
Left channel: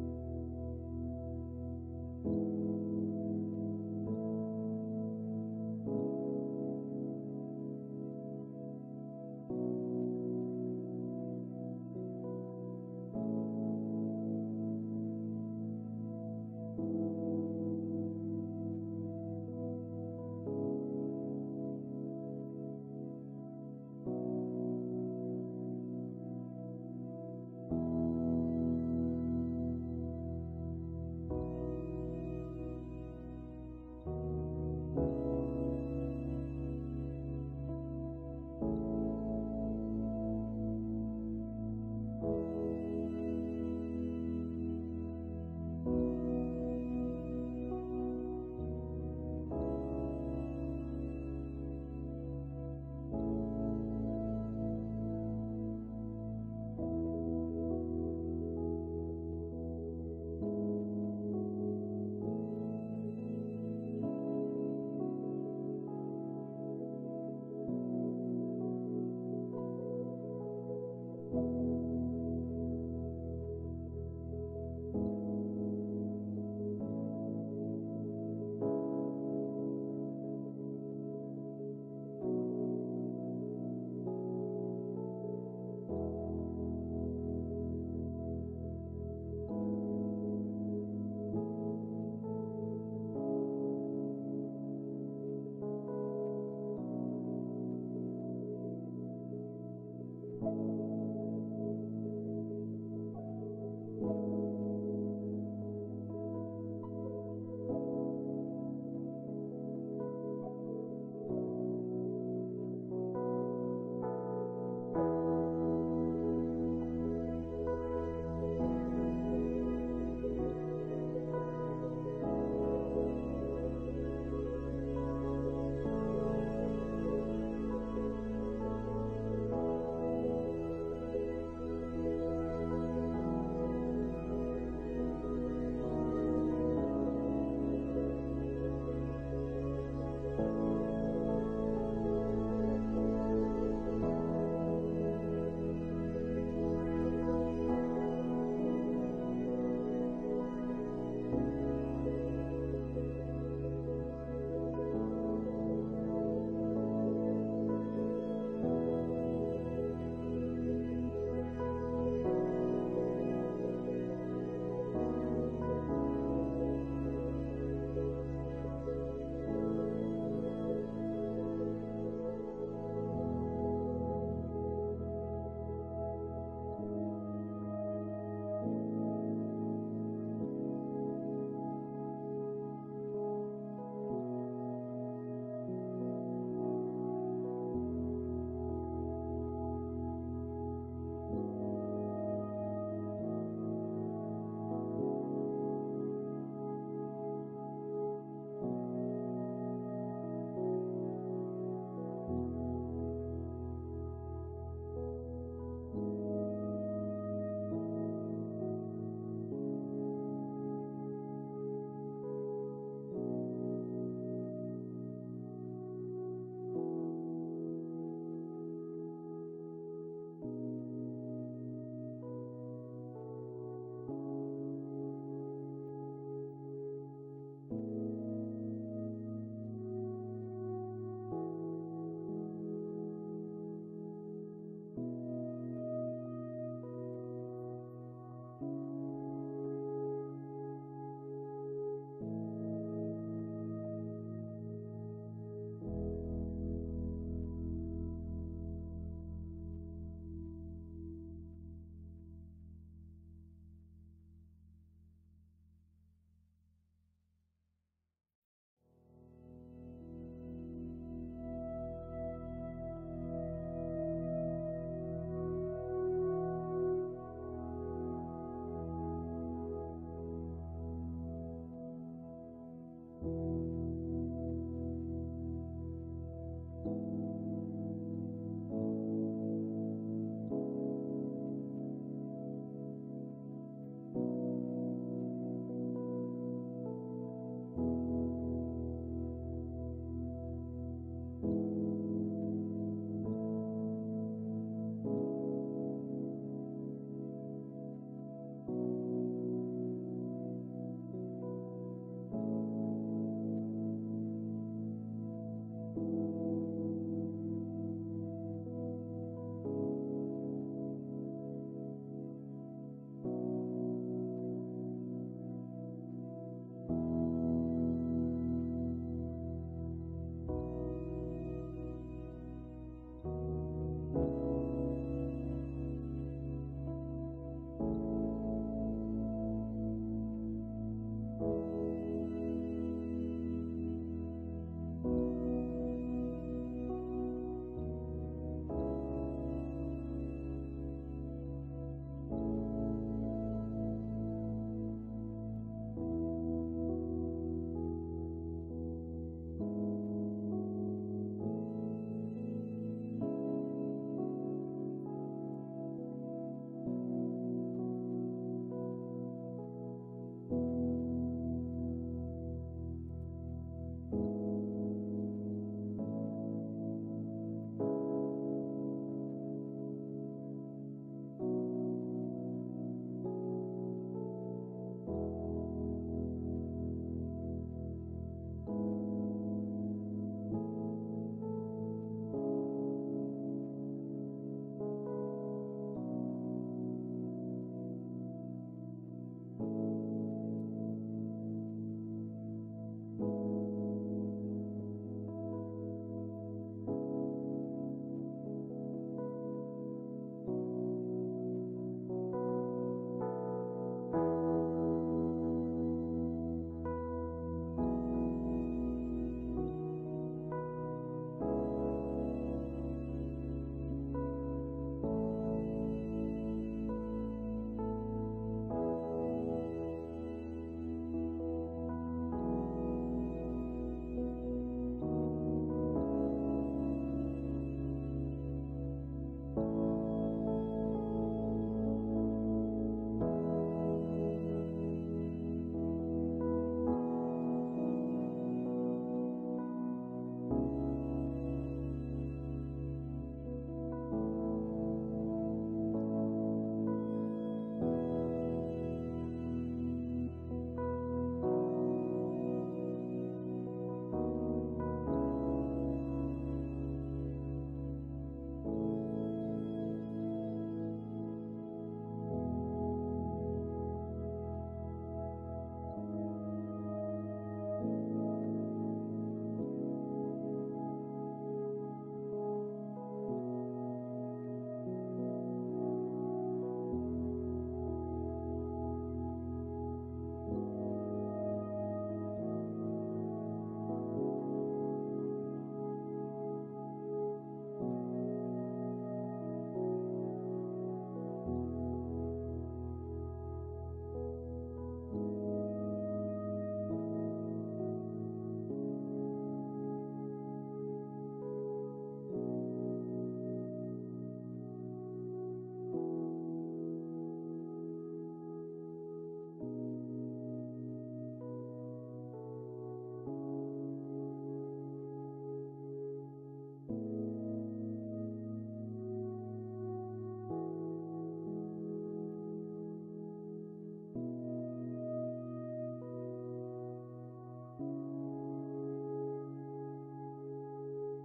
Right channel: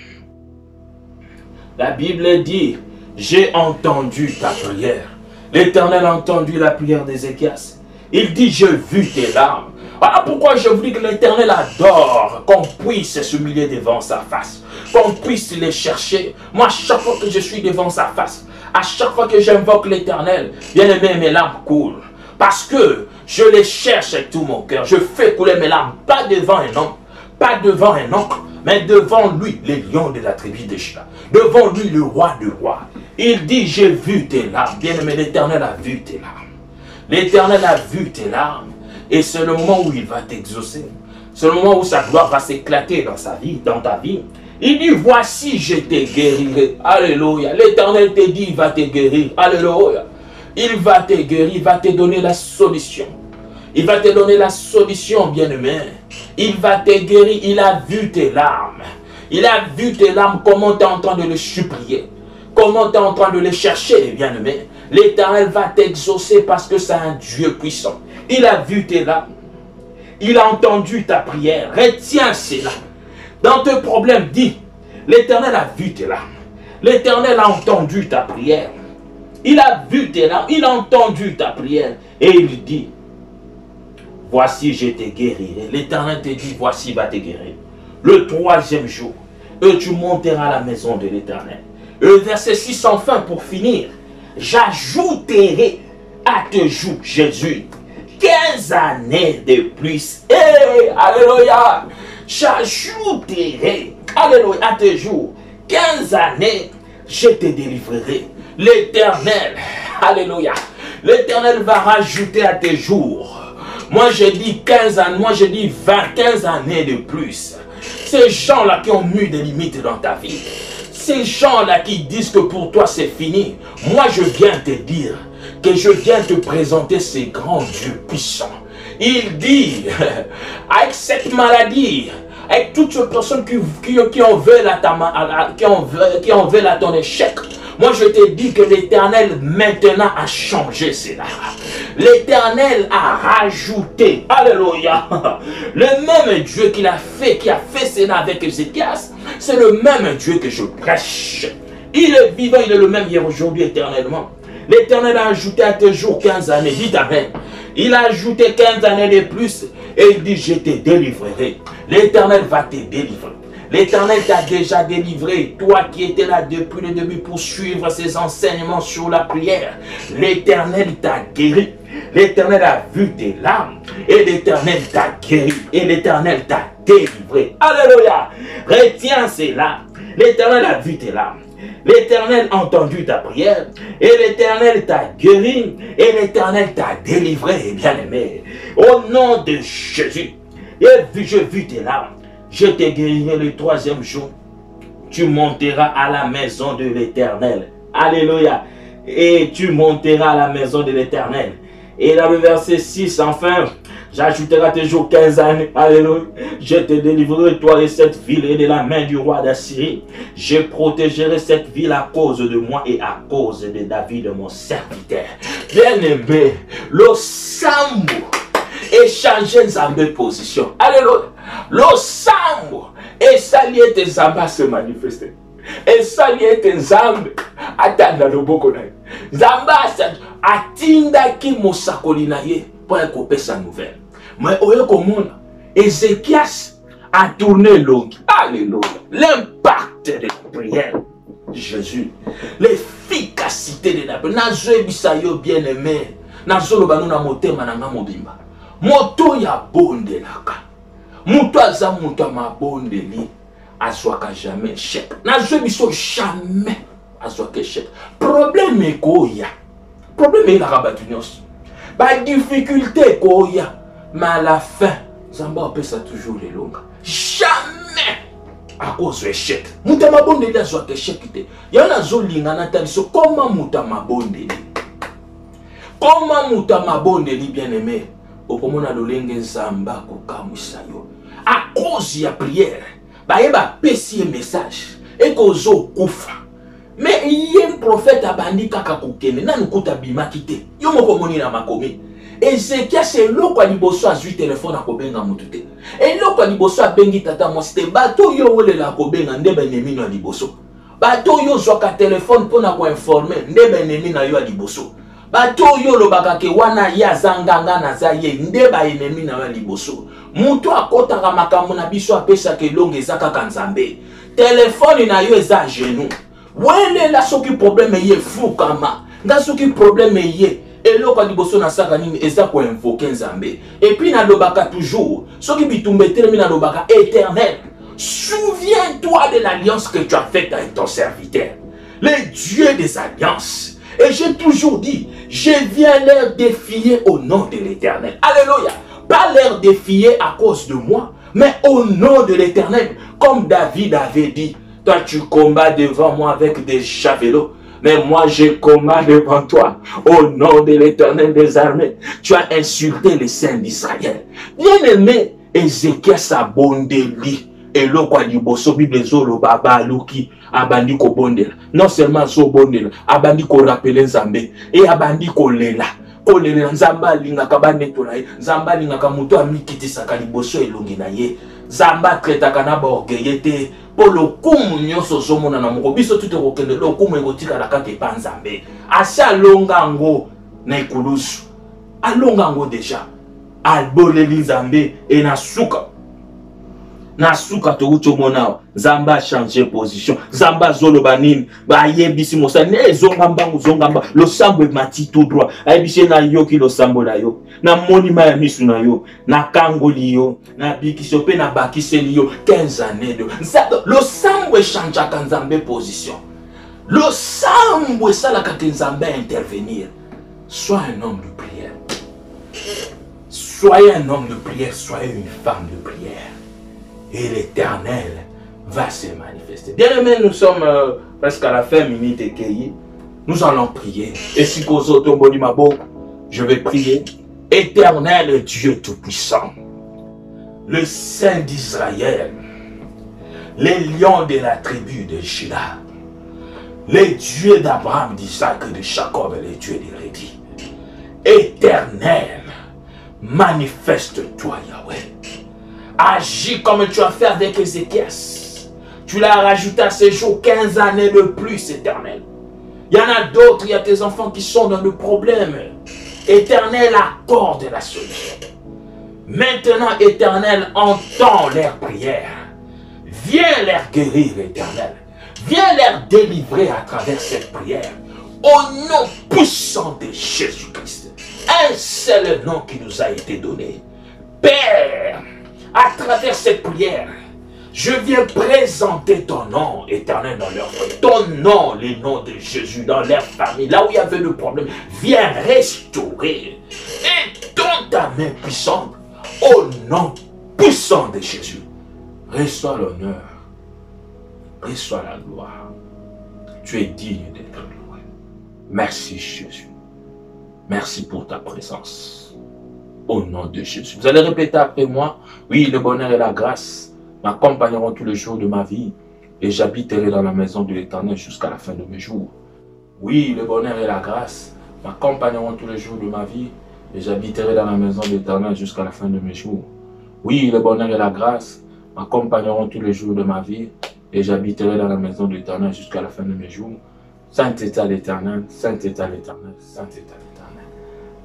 j'ai entendu ta prière. L'Éternel a entendu la prière d'Ézéchias. Il dit, j'ai vu tes larmes. Voilà pourquoi je vous dis que l'Éternel adore qu'on puisse s'humilier devant sa face, qu'on puisse les chercher. Moi, chaque fois que je suis devant sa face, à chaque fois que j'invoque l'Éternel, bien aimé, mes larmes coulent. Parce que je les cherche avec tout mon cœur. Je fais couler mes larmes, pas devant un homme, pas devant un oncle, mais devant lui, les lions de la tribu de Juda. Devant lui, le roi du roi. Il dit, j'ai vu tes larmes. Bien aimé, l'Éternel a vu tes larmes. L'Éternel a vu tes larmes. Et c'est le moment où il va t'exaucer. C'est le moment où sa gloire va s'éclater dans sa vie, dans ta vie. Il dit, voici, je te guérirai. Alléluia. L'Éternel te dit, il va te guérir. Alléluia. Il va te guérir, il va te donner la solution. Il va te donner la solution, bien-aimé. Il va te guérir, il a vu tes larmes. Il a vu tes larmes, comment tu es en train de le supplier. Comment tu es en train de le chercher, bien-aimé. L'Éternel va t'exaucer parce que c'est un Dieu puissant. Il a vu tes larmes. Il a entendu ta prière. Retiens cela. Dans tes problèmes, dis, l'Éternel a vu tes larmes. L'Éternel a entendu ta prière. Il a vu tes larmes. Il a entendu ta prière. Et il dit, voici, je te guérirai. L'Éternel te dit, voici, va te guérir. Le 3e jour, et tu monteras à la maison de l'Éternel. Le verset 6 enfin pour finir. J'ajouterai à tes jours, Jésus, 15 années de plus. Hey, alléluia. J'ajouterai, alléluia, à tes jours, 15 années, je te délivrerai. L'Éternel, alléluia, l'Éternel va rajouter à tes jours. Moi je dis 15 années, moi je dis 15 années de plus. Ces gens-là qui ont mis des limites dans ta vie, ces gens-là qui disent que pour toi c'est fini, moi je viens te dire que je viens te présenter ces grands dieux puissants. Il dit, avec cette maladie, avec toutes ces personnes qui en veulent à ton échec, moi je te dis que l'Éternel maintenant a changé cela. L'Éternel a rajouté, alléluia, le même Dieu qui a fait cela avec Ézéchias, c'est le même Dieu que je prêche. Il est vivant, il est le même hier, aujourd'hui, éternellement. L'Éternel a ajouté à tes jours 15 années, dites Amen. Il a ajouté 15 années de plus et il dit, je te délivrerai. L'Éternel va te délivrer. L'Éternel t'a déjà délivré, toi qui étais là depuis le début pour suivre ses enseignements sur la prière. L'Éternel t'a guéri. L'Éternel a vu tes larmes et l'Éternel t'a guéri et l'Éternel t'a délivré. Alléluia. Retiens cela. L'Éternel a vu tes larmes. L'Éternel a entendu ta prière et l'Éternel t'a guéri et l'Éternel t'a délivré, bien-aimé. Au nom de Jésus, j'ai vu tes larmes. Je te guérirai le 3e jour. Tu monteras à la maison de l'Éternel. Alléluia. Et tu monteras à la maison de l'Éternel. Et dans le verset 6, enfin, j'ajouterai à tes jours 15 années. Alléluia. Je te délivrerai, toi et cette ville, et de la main du roi d'Assyrie. Je protégerai cette ville à cause de moi et à cause de David, mon serviteur. Bien-aimé, le Sambo échanger Nzambe position. Alléluia. Le Sambo et salier tes Nzamba se manifester. Et salier tes Nzambe atanda loboko na ye. Nzamba atinda ki mosakoli na ye pour ekopesa nouvelle. Mais oyo komona Ézéchias a tourné longue. Alléluia. L'impact de la prière de Jésus. L'efficacité de la prière. Nazo bisayo bien-aimé. Nazo lobano na motema na nga mobimba. Moto ya bondelaka. Moto aza moto mabondeli. Azwaka jamais échec. Nazo biso jamais azwaka échec. Problème ekoya. Problème est la rabatunios. Ba difficulté koya. Mais à la fin, Zamba opesa toujours les longues. Jamais à cause de l'échec. Mouta mabondeli azwaka échec te. Yana zo lingana taliso comment mouta mabondeli. Comment mouta mabondeli bien-aimé. Okomona lolenge Zamba kokamwisa yo. À cause ya prière. Ba yeba pesi message. Et kozo kufa. Mais il y a un prophète abandi kaka kokene. Nanu kuta bimaki te. Yo moko moni na makomi. Ézéchias c'est loko liboso azui téléphone à kobenga mutute. Et loko liboso abengi tata mosite bato yo wole la kobenga ndebe nemi na liboso. Bato yo zoka téléphone pona ko informer ndebe nemi na yo liboso. Bato yo lobaka ke wana ya zanganga na zaye ndeba enemi na yo liboso. Mutu akotaka makambo na biso apesa ke longe ezaka kanzambe. Téléphone na yo eza genou. Wele la soki problème ye fukama. Nga soki problème ye eloko liboso na saka nini eza ko invoquer Nzambe. Et puis na lobaka toujours soki bitumbe termine na lobaka éternel. Souviens-toi de l'alliance que tu as faite avec ton serviteur. Le Dieu des alliances. Et j'ai toujours dit, je viens leur défier au nom de l'Éternel. Alléluia. Pas leur défier à cause de moi, Mais au nom de l'Éternel, comme David avait dit, toi tu combats devant moi avec des javelots, mais moi je combats devant toi au nom de l'Éternel des armées. Tu as insulté les saints d'Israël. Bien-aimé, Ézéchiel s'abondeli. Et le quoi du bosso Bible zolo baba luki abandi ko bondela. Non seulement so bondela, abandi ko rappeler Nzambe et abandi ko lela. Ko lela Nzamba linga kabane to naye. Nzamba linga kamuto amikiti sakali bosso elongi na ye. Nzamba treta kana ba orgueillete. Pour le kumu nyoso somona na moko biso tout okende le kumu ekotika la kake pa Nzambe. Asa longango na ikulusu. Alongango déjà. Alboleli Nzambe et na suka. Nasuka to mona Zamba changer position Zamba zolo banini ba yebisi mosa ne zongamba muzongamba lo sambo mati tout droit ayebisi na yo ki lo sambo na yo na monima ya misu na yo na kangoli yo na bikiso pe na bakiseli yo 15 années de lo sambo changer ka Nzambe position lo sambo sala ka Nzambe intervenir. Sois un homme de prière, soyez un homme de prière, soyez une femme de prière. Et l'Éternel va se manifester. Bien aimé, nous sommes presque à la fin minute et cueillie. Nous allons prier. Et si je vais prier. Éternel Dieu Tout-Puissant, le Saint d'Israël, les lions de la tribu de Juda, les dieux d'Abraham, d'Isaac et de Jacob et les dieux de Rédi. Éternel, manifeste-toi Yahweh. Agis comme tu as fait avec Ézéchias. Tu l'as rajouté à ces jours 15 années de plus, Éternel. Il y en a d'autres, il y a tes enfants qui sont dans le problème. Éternel, accorde la solution. Maintenant, Éternel, entends leurs prières. Viens les guérir, Éternel. Viens les délivrer à travers cette prière. Au nom puissant de Jésus-Christ. Un seul nom qui nous a été donné. Père, à travers cette prière, je viens présenter ton nom, Éternel, dans leur vie. Ton nom, les noms de Jésus, dans leur famille, là où il y avait le problème. Viens restaurer. Et dans ta main puissante, au nom puissant de Jésus, reçois l'honneur, reçois la gloire. Tu es digne d'être loué. Merci Jésus. Merci pour ta présence. Au nom de Jésus. Vous allez répéter après moi. Oui, le bonheur et la grâce m'accompagneront tous les jours de ma vie et j'habiterai dans la maison de l'Éternel jusqu'à la fin de mes jours. Oui, le bonheur et la grâce m'accompagneront tous les jours de ma vie et j'habiterai dans la maison de l'Éternel jusqu'à la fin de mes jours. Oui, le bonheur et la grâce m'accompagneront tous les jours de ma vie et j'habiterai dans la maison de l'Éternel jusqu'à la fin de mes jours. Saint est à l'Éternel, Saint est à l'Éternel, Saint est à l'Éternel.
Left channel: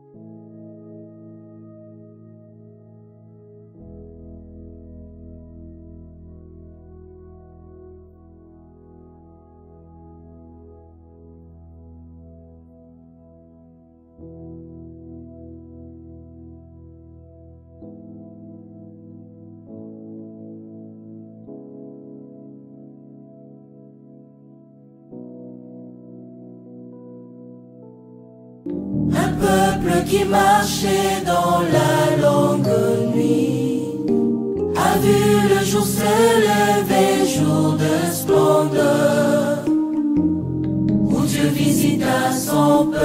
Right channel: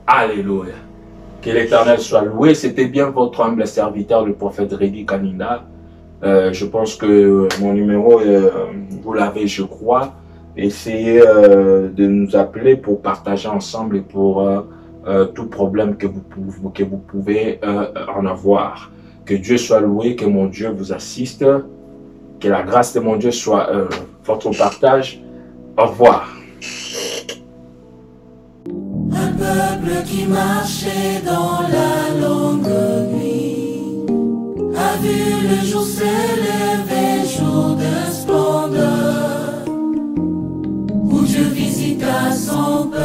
Alléluia. Que l'Éternel soit loué. C'était bien votre humble serviteur, le prophète Rédi Kaninda. Je pense que mon numéro, vous l'avez, je crois. Essayez de nous appeler pour partager ensemble et pour tout problème que vous pouvez en avoir. Que Dieu soit loué, que mon Dieu vous assiste. Que la grâce de mon Dieu soit votre partage. Au revoir. Un peuple qui marchait dans la longue nuit a vu le jour s'élever, jour de splendeur, où Dieu visita son peuple.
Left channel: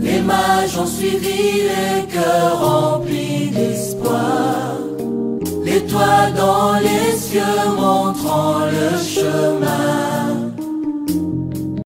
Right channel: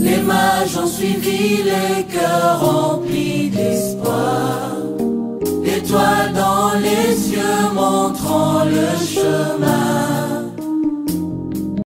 Les mages ont suivi les cœurs remplis d'espoir, l'étoile dans les cieux montrant le chemin.